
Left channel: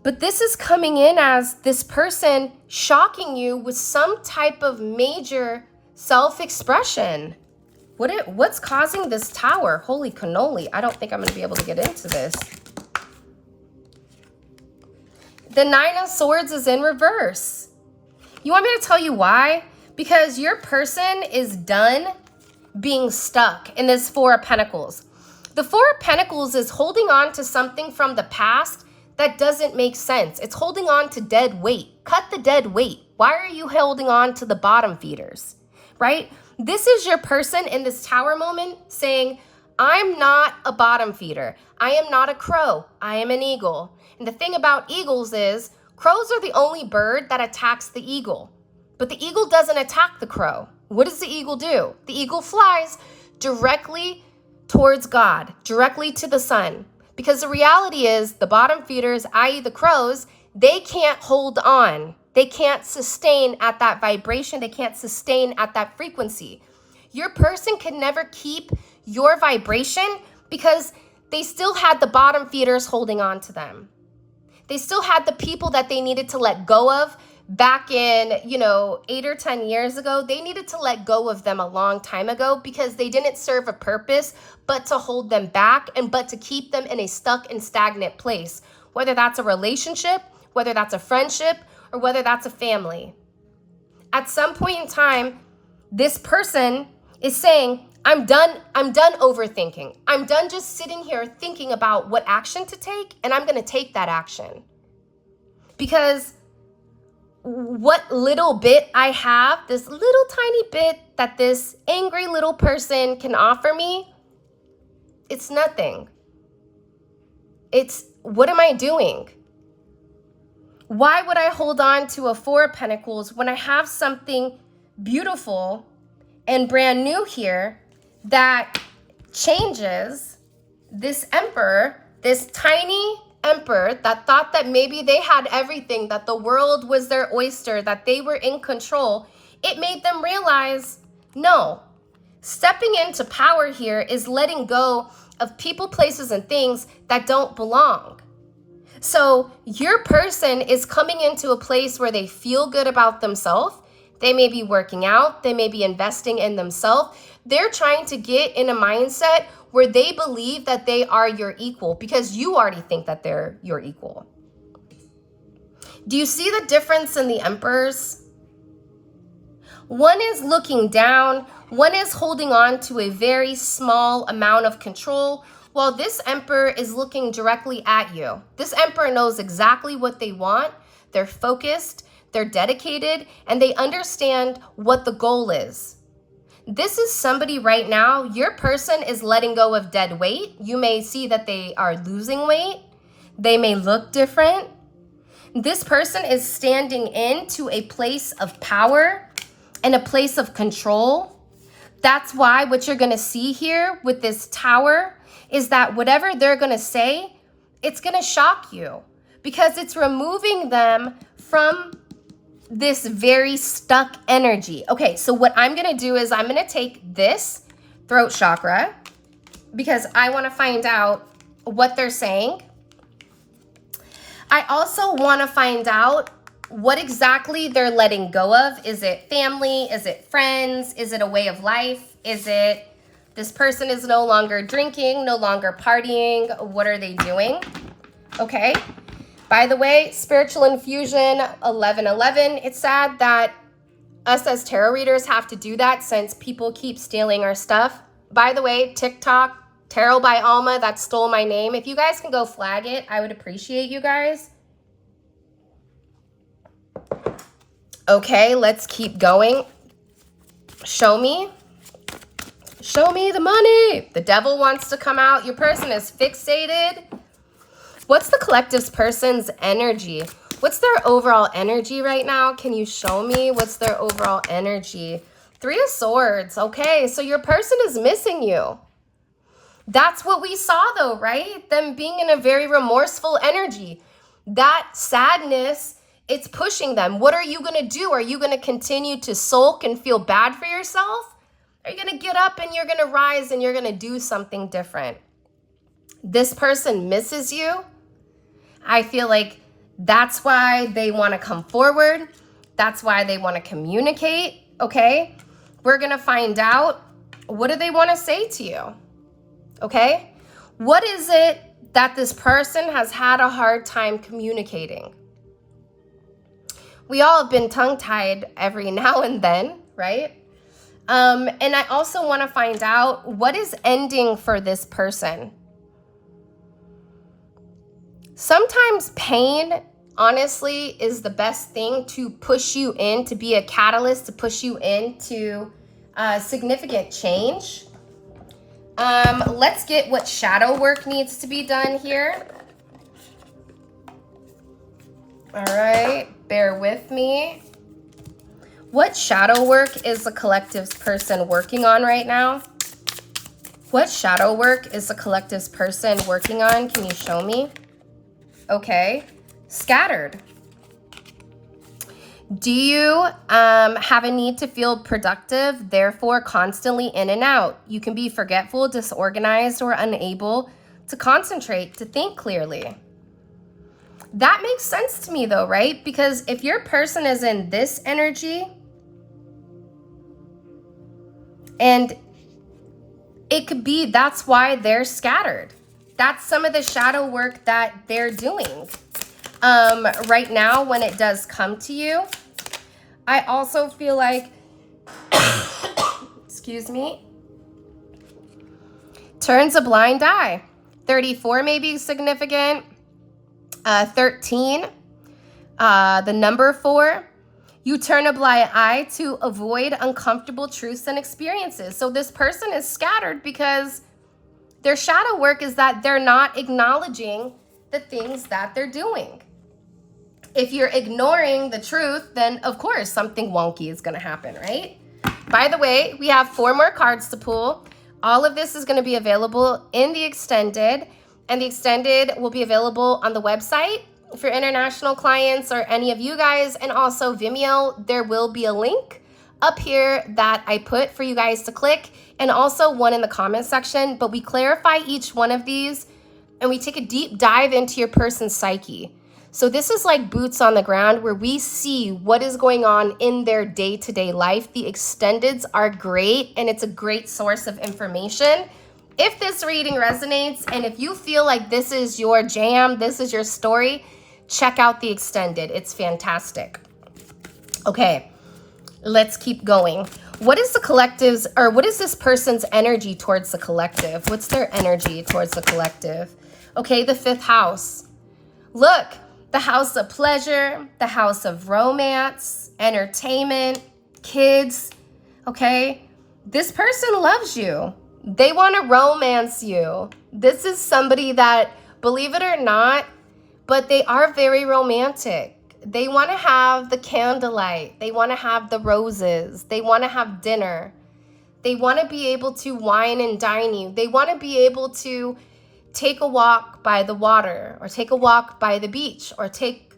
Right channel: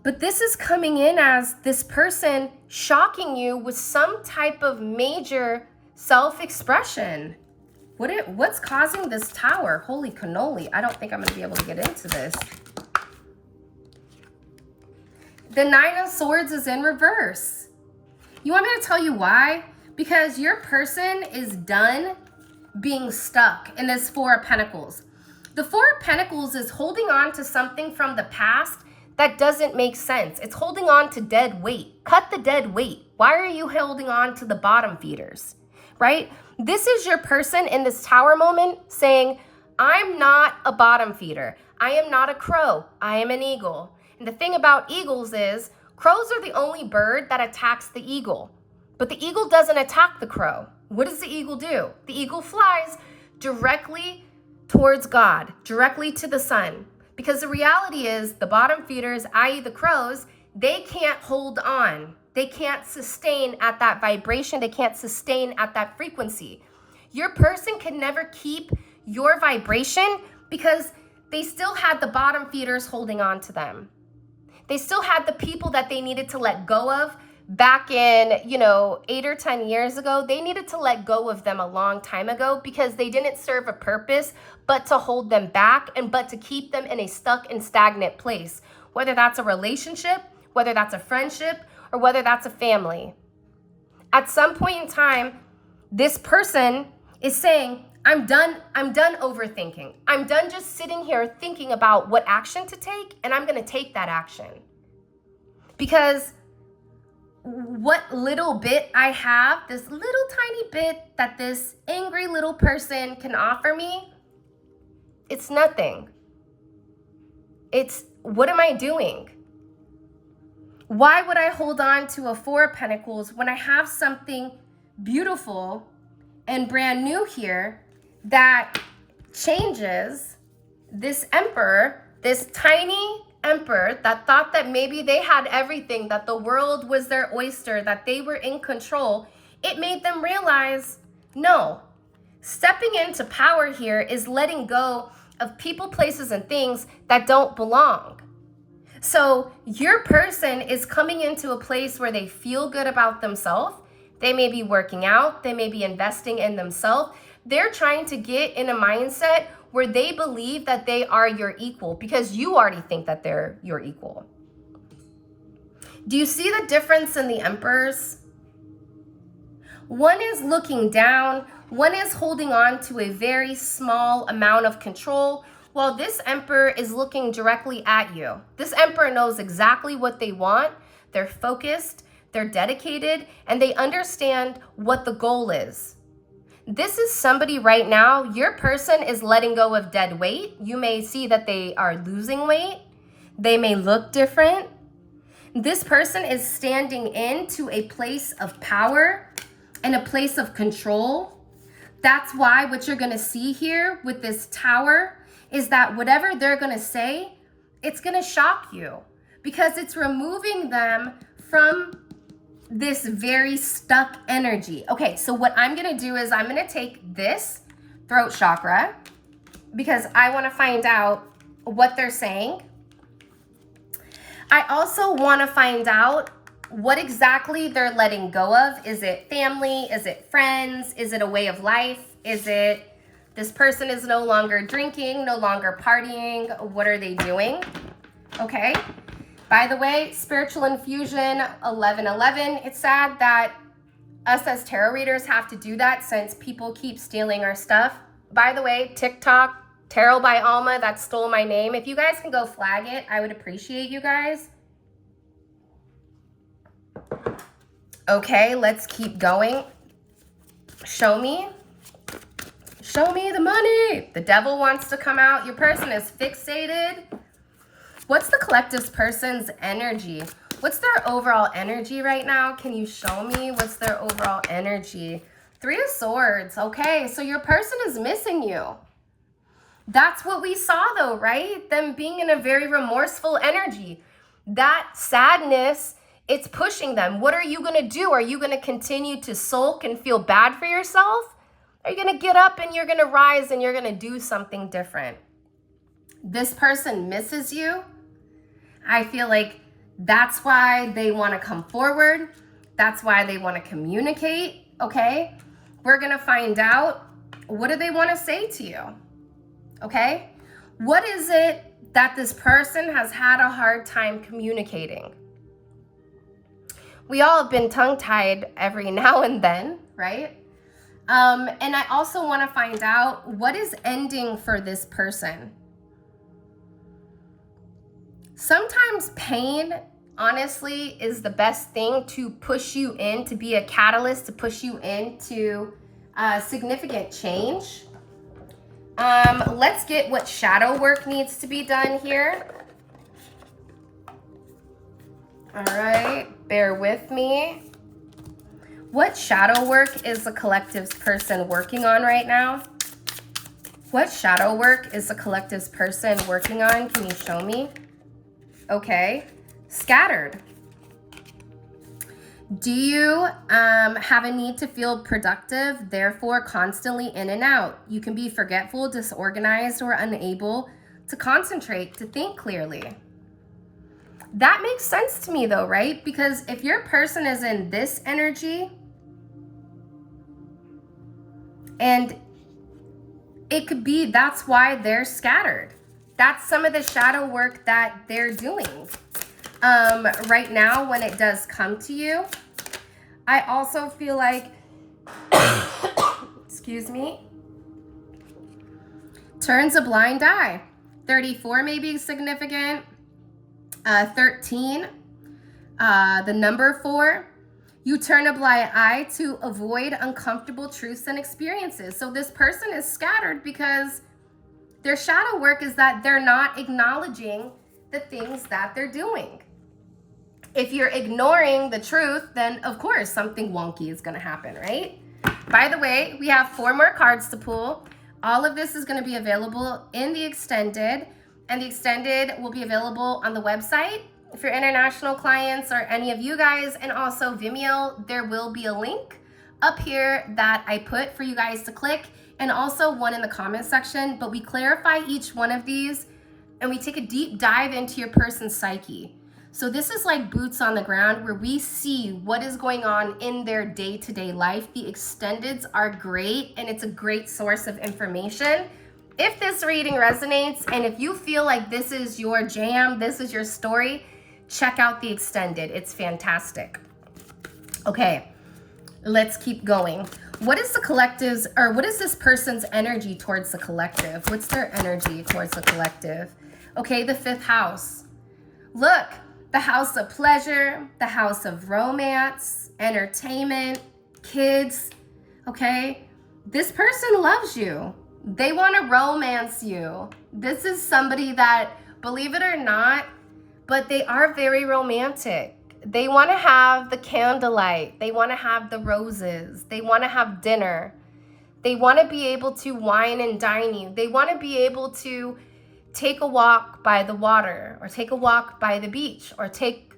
But this is coming in as this person shocking you with some type of major self-expression. What's causing this Tower? Holy cannoli. I don't think I'm going to be able to get into this. The Nine of Swords is in reverse. You want me to tell you why? Because your person is done being stuck in this Four of Pentacles. The Four of Pentacles is holding on to something from the past that doesn't make sense. It's holding on to dead weight. Cut the dead weight. Why are you holding on to the bottom feeders, right? This is your person in this Tower moment saying, I'm not a bottom feeder. I am not a crow. I am an eagle. And the thing about eagles is crows are the only bird that attacks the eagle. But the eagle doesn't attack the crow. What does the eagle do? The eagle flies directly towards God, directly to the sun. Because the reality is the bottom feeders, i.e. the crows, they can't hold on. They can't sustain at that vibration. They can't sustain at that frequency. Your person can never keep your vibration because they still had the bottom feeders holding on to them. They still had the people that they needed to let go of back in, 8 or 10 years ago. They needed to let go of them a long time ago because they didn't serve a purpose but to hold them back but to keep them in a stuck and stagnant place, whether that's a relationship, whether that's a friendship, or whether that's a family. At some point in time, this person is saying, I'm done overthinking. I'm done just sitting here thinking about what action to take, and I'm going to take that action. Because what little bit I have, this little tiny bit that this angry little person can offer me, it's nothing. It's, what am I doing? Why would I hold on to a Four of Pentacles when I have something beautiful and brand new here that changes this Emperor, this tiny Emperor that thought that maybe they had everything, that the world was their oyster, that they were in control? It made them realize, no, stepping into power here is letting go of people, places, and things that don't belong. So your person is coming into a place where they feel good about themselves. They may be working out. They may be investing in themselves. They're trying to get in a mindset where they believe that they are your equal because you already think that they're your equal. Do you see the difference in the emperors? One is looking down. One is holding on to a very small amount of control, while this emperor is looking directly at you. This emperor knows exactly what they want. They're focused, they're dedicated, and they understand what the goal is. This is somebody right now, your person is letting go of dead weight. You may see that they are losing weight. They may look different. This person is standing into a place of power and a place of control. That's why what you're gonna see here with this tower is that whatever they're gonna say, it's gonna shock you because it's removing them from this very stuck energy. Okay, so what I'm gonna do is I'm gonna take this throat chakra because I wanna find out what they're saying. I also wanna find out what exactly they're letting go of. Is it family? Is it friends? Is it a way of life? Is it this person is no longer drinking, no longer partying? What are they doing? Okay. By the way, Spiritual Infusion 1111, it's sad that us as tarot readers have to do that since people keep stealing our stuff. By the way, TikTok, Tarot by Alma, that stole my name. If you guys can go flag it, I would appreciate you guys. Okay, let's keep going. Show me. Show me the money. The devil wants to come out. Your person is fixated. What's the collective's person's energy? What's their overall energy right now? Can you show me what's their overall energy? 3 of Swords. Okay, so your person is missing you. That's what we saw though, right? Them being in a very remorseful energy. That sadness, it's pushing them. What are you going to do? Are you going to continue to sulk and feel bad for yourself? Are you going to get up and you're going to rise and you're going to do something different? This person misses you. I feel like that's why they want to come forward. That's why they want to communicate, okay? We're going to find out, what do they want to say to you, okay? What is it that this person has had a hard time communicating? We all have been tongue-tied every now and then, right? And I also want to find out, what is ending for this person? Sometimes pain, honestly, is the best thing to push you in, to be a catalyst, to push you into significant change. Let's get what shadow work needs to be done here. All right, bear with me. What shadow work is the collective's person working on right now? What shadow work is the collective's person working on? Can you show me? Okay, scattered. Do you have a need to feel productive, therefore constantly in and out? You can be forgetful, disorganized, or unable to concentrate, to think clearly. That makes sense to me though, right? Because if your person is in this energy, and it could be that's why they're scattered. That's some of the shadow work that they're doing. Right now, when it does come to you, I also feel like, excuse me, turns a blind eye. 34 may be significant. 13, the number 4, you turn a blind eye to avoid uncomfortable truths and experiences. So this person is scattered because their shadow work is that they're not acknowledging the things that they're doing. If you're ignoring the truth, then of course something wonky is going to happen, right? By the way, we have 4 more cards to pull. All of this is going to be available in the extended, and the extended will be available on the website for international clients or any of you guys, and also Vimeo. There will be a link up here that I put for you guys to click, and also one in the comment section, but we clarify each one of these and we take a deep dive into your person's psyche. So this is like boots on the ground where we see what is going on in their day-to-day life. The extendeds are great, and it's a great source of information. If this reading resonates, and if you feel like this is your jam, this is your story, check out the extended. It's fantastic. Okay, let's keep going. What is the collective's, or what is this person's energy towards the collective? What's their energy towards the collective? Okay, the 5th house. Look, the house of pleasure, the house of romance, entertainment, kids, okay? This person loves you. They want to romance you. This is somebody that, believe it or not, but they are very romantic. They want to have the candlelight. They want to have the roses. They want to have dinner. They want to be able to wine and dine you. They want to be able to take a walk by the water, or take a walk by the beach, or take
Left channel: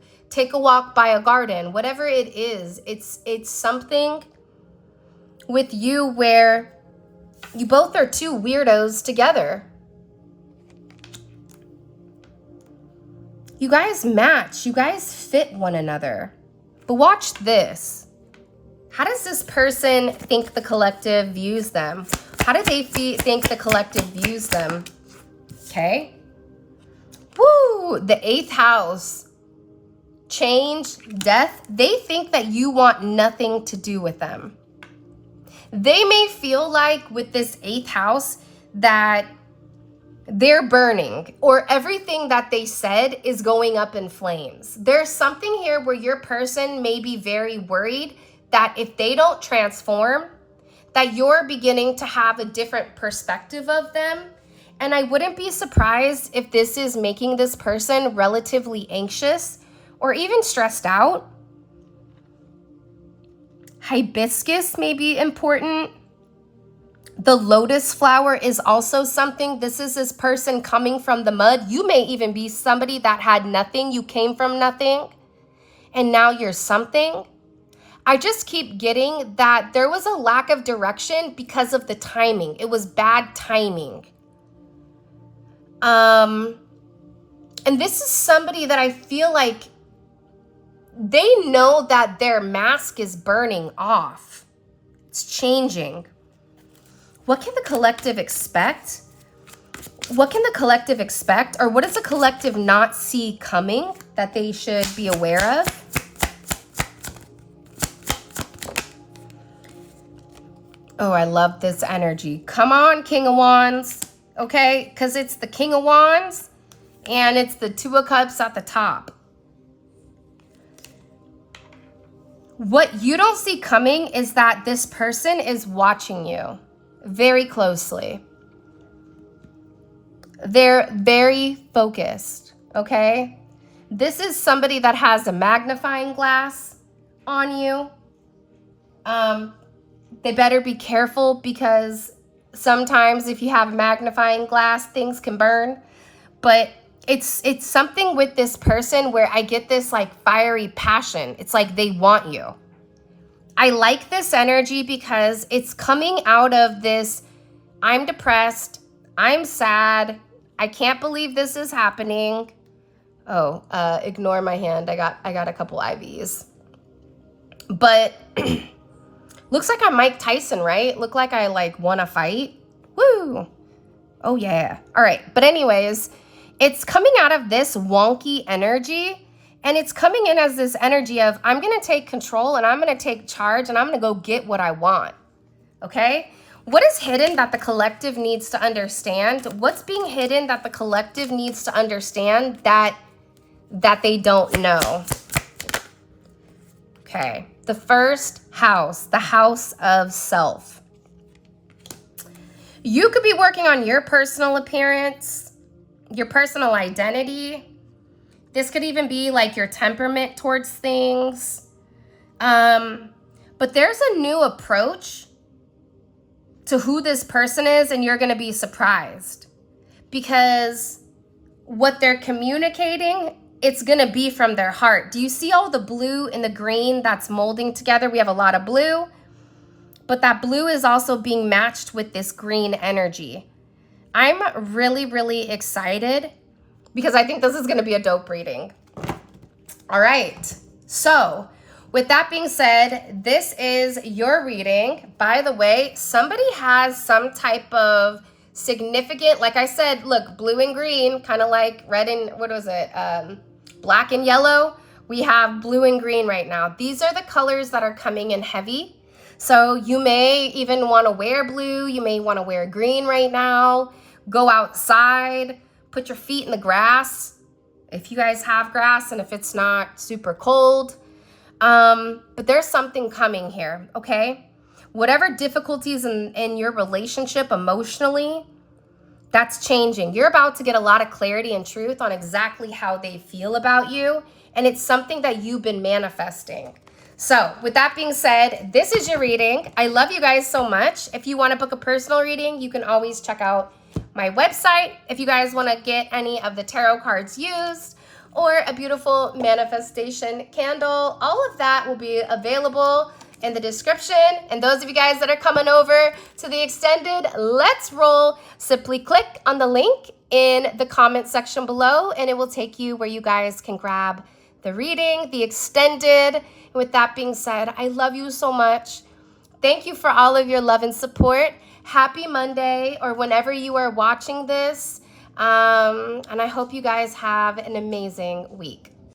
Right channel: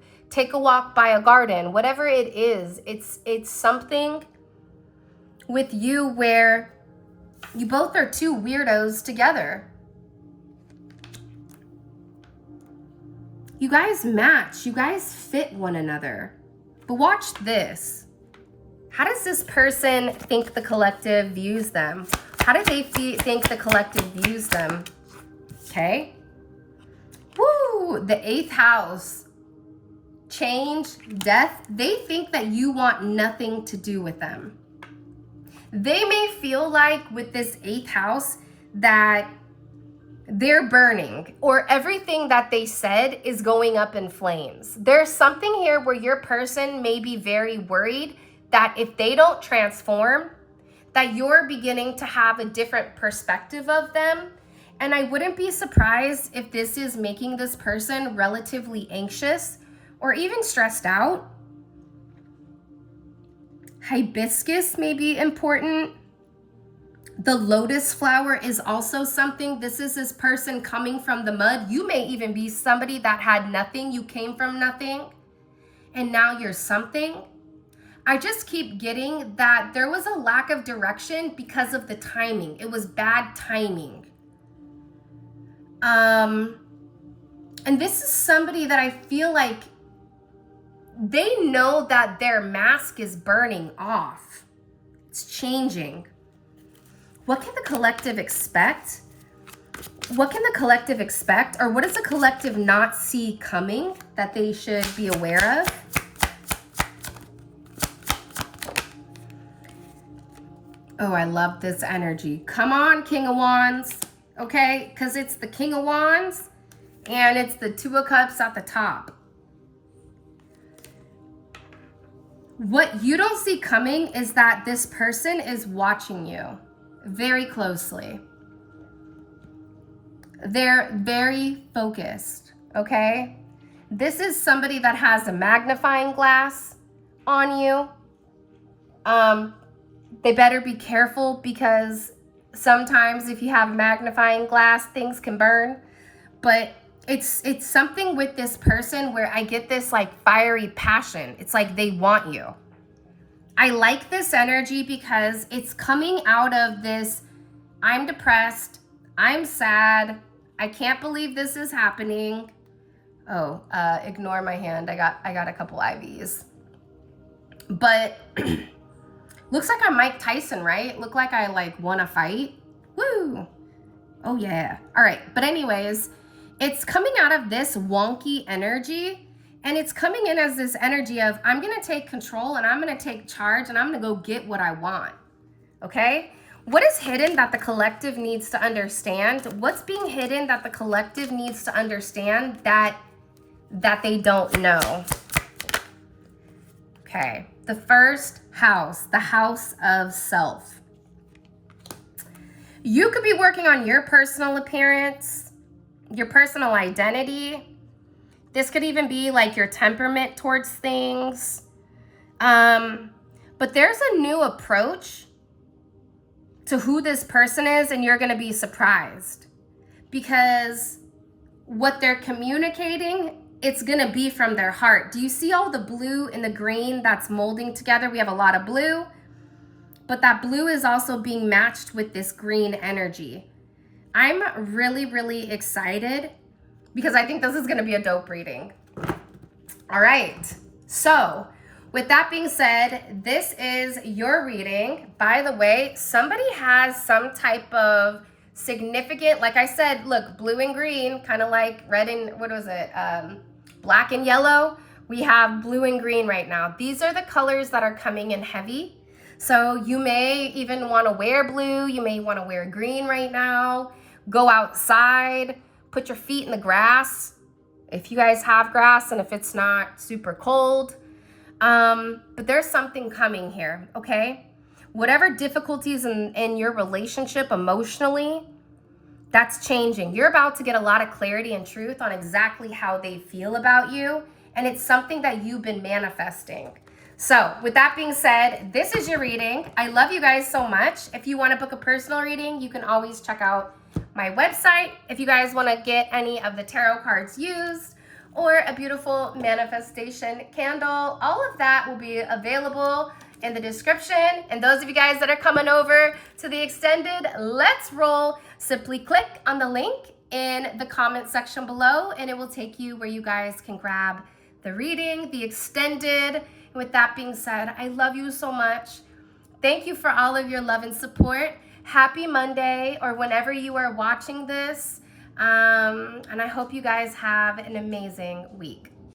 a walk by a garden. Whatever it is, it's something with you where you both are two weirdos together. You guys match. You guys fit one another. But watch this. How does this person think the collective views them? How do they think the collective views them? Okay. Woo! The 8th house. Change, death. They think that you want nothing to do with them. They may feel like with this 8th house that they're burning, or everything that they said is going up in flames. There's something here where your person may be very worried that if they don't transform, that you're beginning to have a different perspective of them. And I wouldn't be surprised if this is making this person relatively anxious or even stressed out. Hibiscus may be important. The lotus flower is also something. This is this person coming from the mud. You may even be somebody that had nothing. You came from nothing, and now you're something. I just keep getting that there was a lack of direction because of the timing. It was bad timing. And this is somebody that I feel like they know that their mask is burning off. It's changing. What can the collective expect? What can the collective expect? Or what does the collective not see coming that they should be aware of? Oh, I love this energy. Come on, King of Wands. Okay, because it's the King of Wands and it's the 2 of Cups at the top. What you don't see coming is that this person is watching you very closely. They're very focused, okay? This is somebody that has a magnifying glass on you. They better be careful, because sometimes if you have magnifying glass, things can burn. But it's something with this person where I get this like fiery passion. It's like they want you. I like this energy because it's coming out of this, I'm depressed, I'm sad, I can't believe this is happening. Oh, ignore my hand. I got a couple IVs. But looks like I'm Mike Tyson, right? Look like I like won a fight. Woo! Oh yeah. All right. But anyways, it's coming out of this wonky energy, and it's coming in as this energy of I'm going to take control and I'm going to take charge and I'm going to go get what I want. Okay? What is hidden that the collective needs to understand? What's being hidden that the collective needs to understand that they don't know? Okay. The 1st house, the house of self. You could be working on your personal appearance, your personal identity. This could even be like your temperament towards things. But there's a new approach to who this person is, and you're going to be surprised because what they're communicating, it's going to be from their heart. Do you see all the blue and the green that's molding together? We have a lot of blue, but that blue is also being matched with this green energy. I'm really, really excited because I think this is going to be a dope reading. All right. So with that being said, this is your reading. By the way, somebody has some type of significant, like I said, look, blue and green, kind of like red and, what was it? Black and yellow. We have blue and green right now. These are the colors that are coming in heavy. So you may even want to wear blue. You may want to wear green right now. Go outside, put your feet in the grass if you guys have grass and if it's not super cold. But there's something coming here, okay? Whatever difficulties in your relationship emotionally, that's changing. You're about to get a lot of clarity and truth on exactly how they feel about you. And it's something that you've been manifesting. So with that being said, this is your reading. I love you guys so much. If you want to book a personal reading, you can always check out my website. If you guys want to get any of the tarot cards used or a beautiful manifestation candle, all of that will be available in the description. And those of you guys that are coming over to the extended Let's Roll, simply click on the link in the comment section below and it will take you where you guys can grab the reading, the extended. With that being said, I love you so much. Thank you for all of your love and support. Happy Monday or whenever you are watching this. And I hope you guys have an amazing week.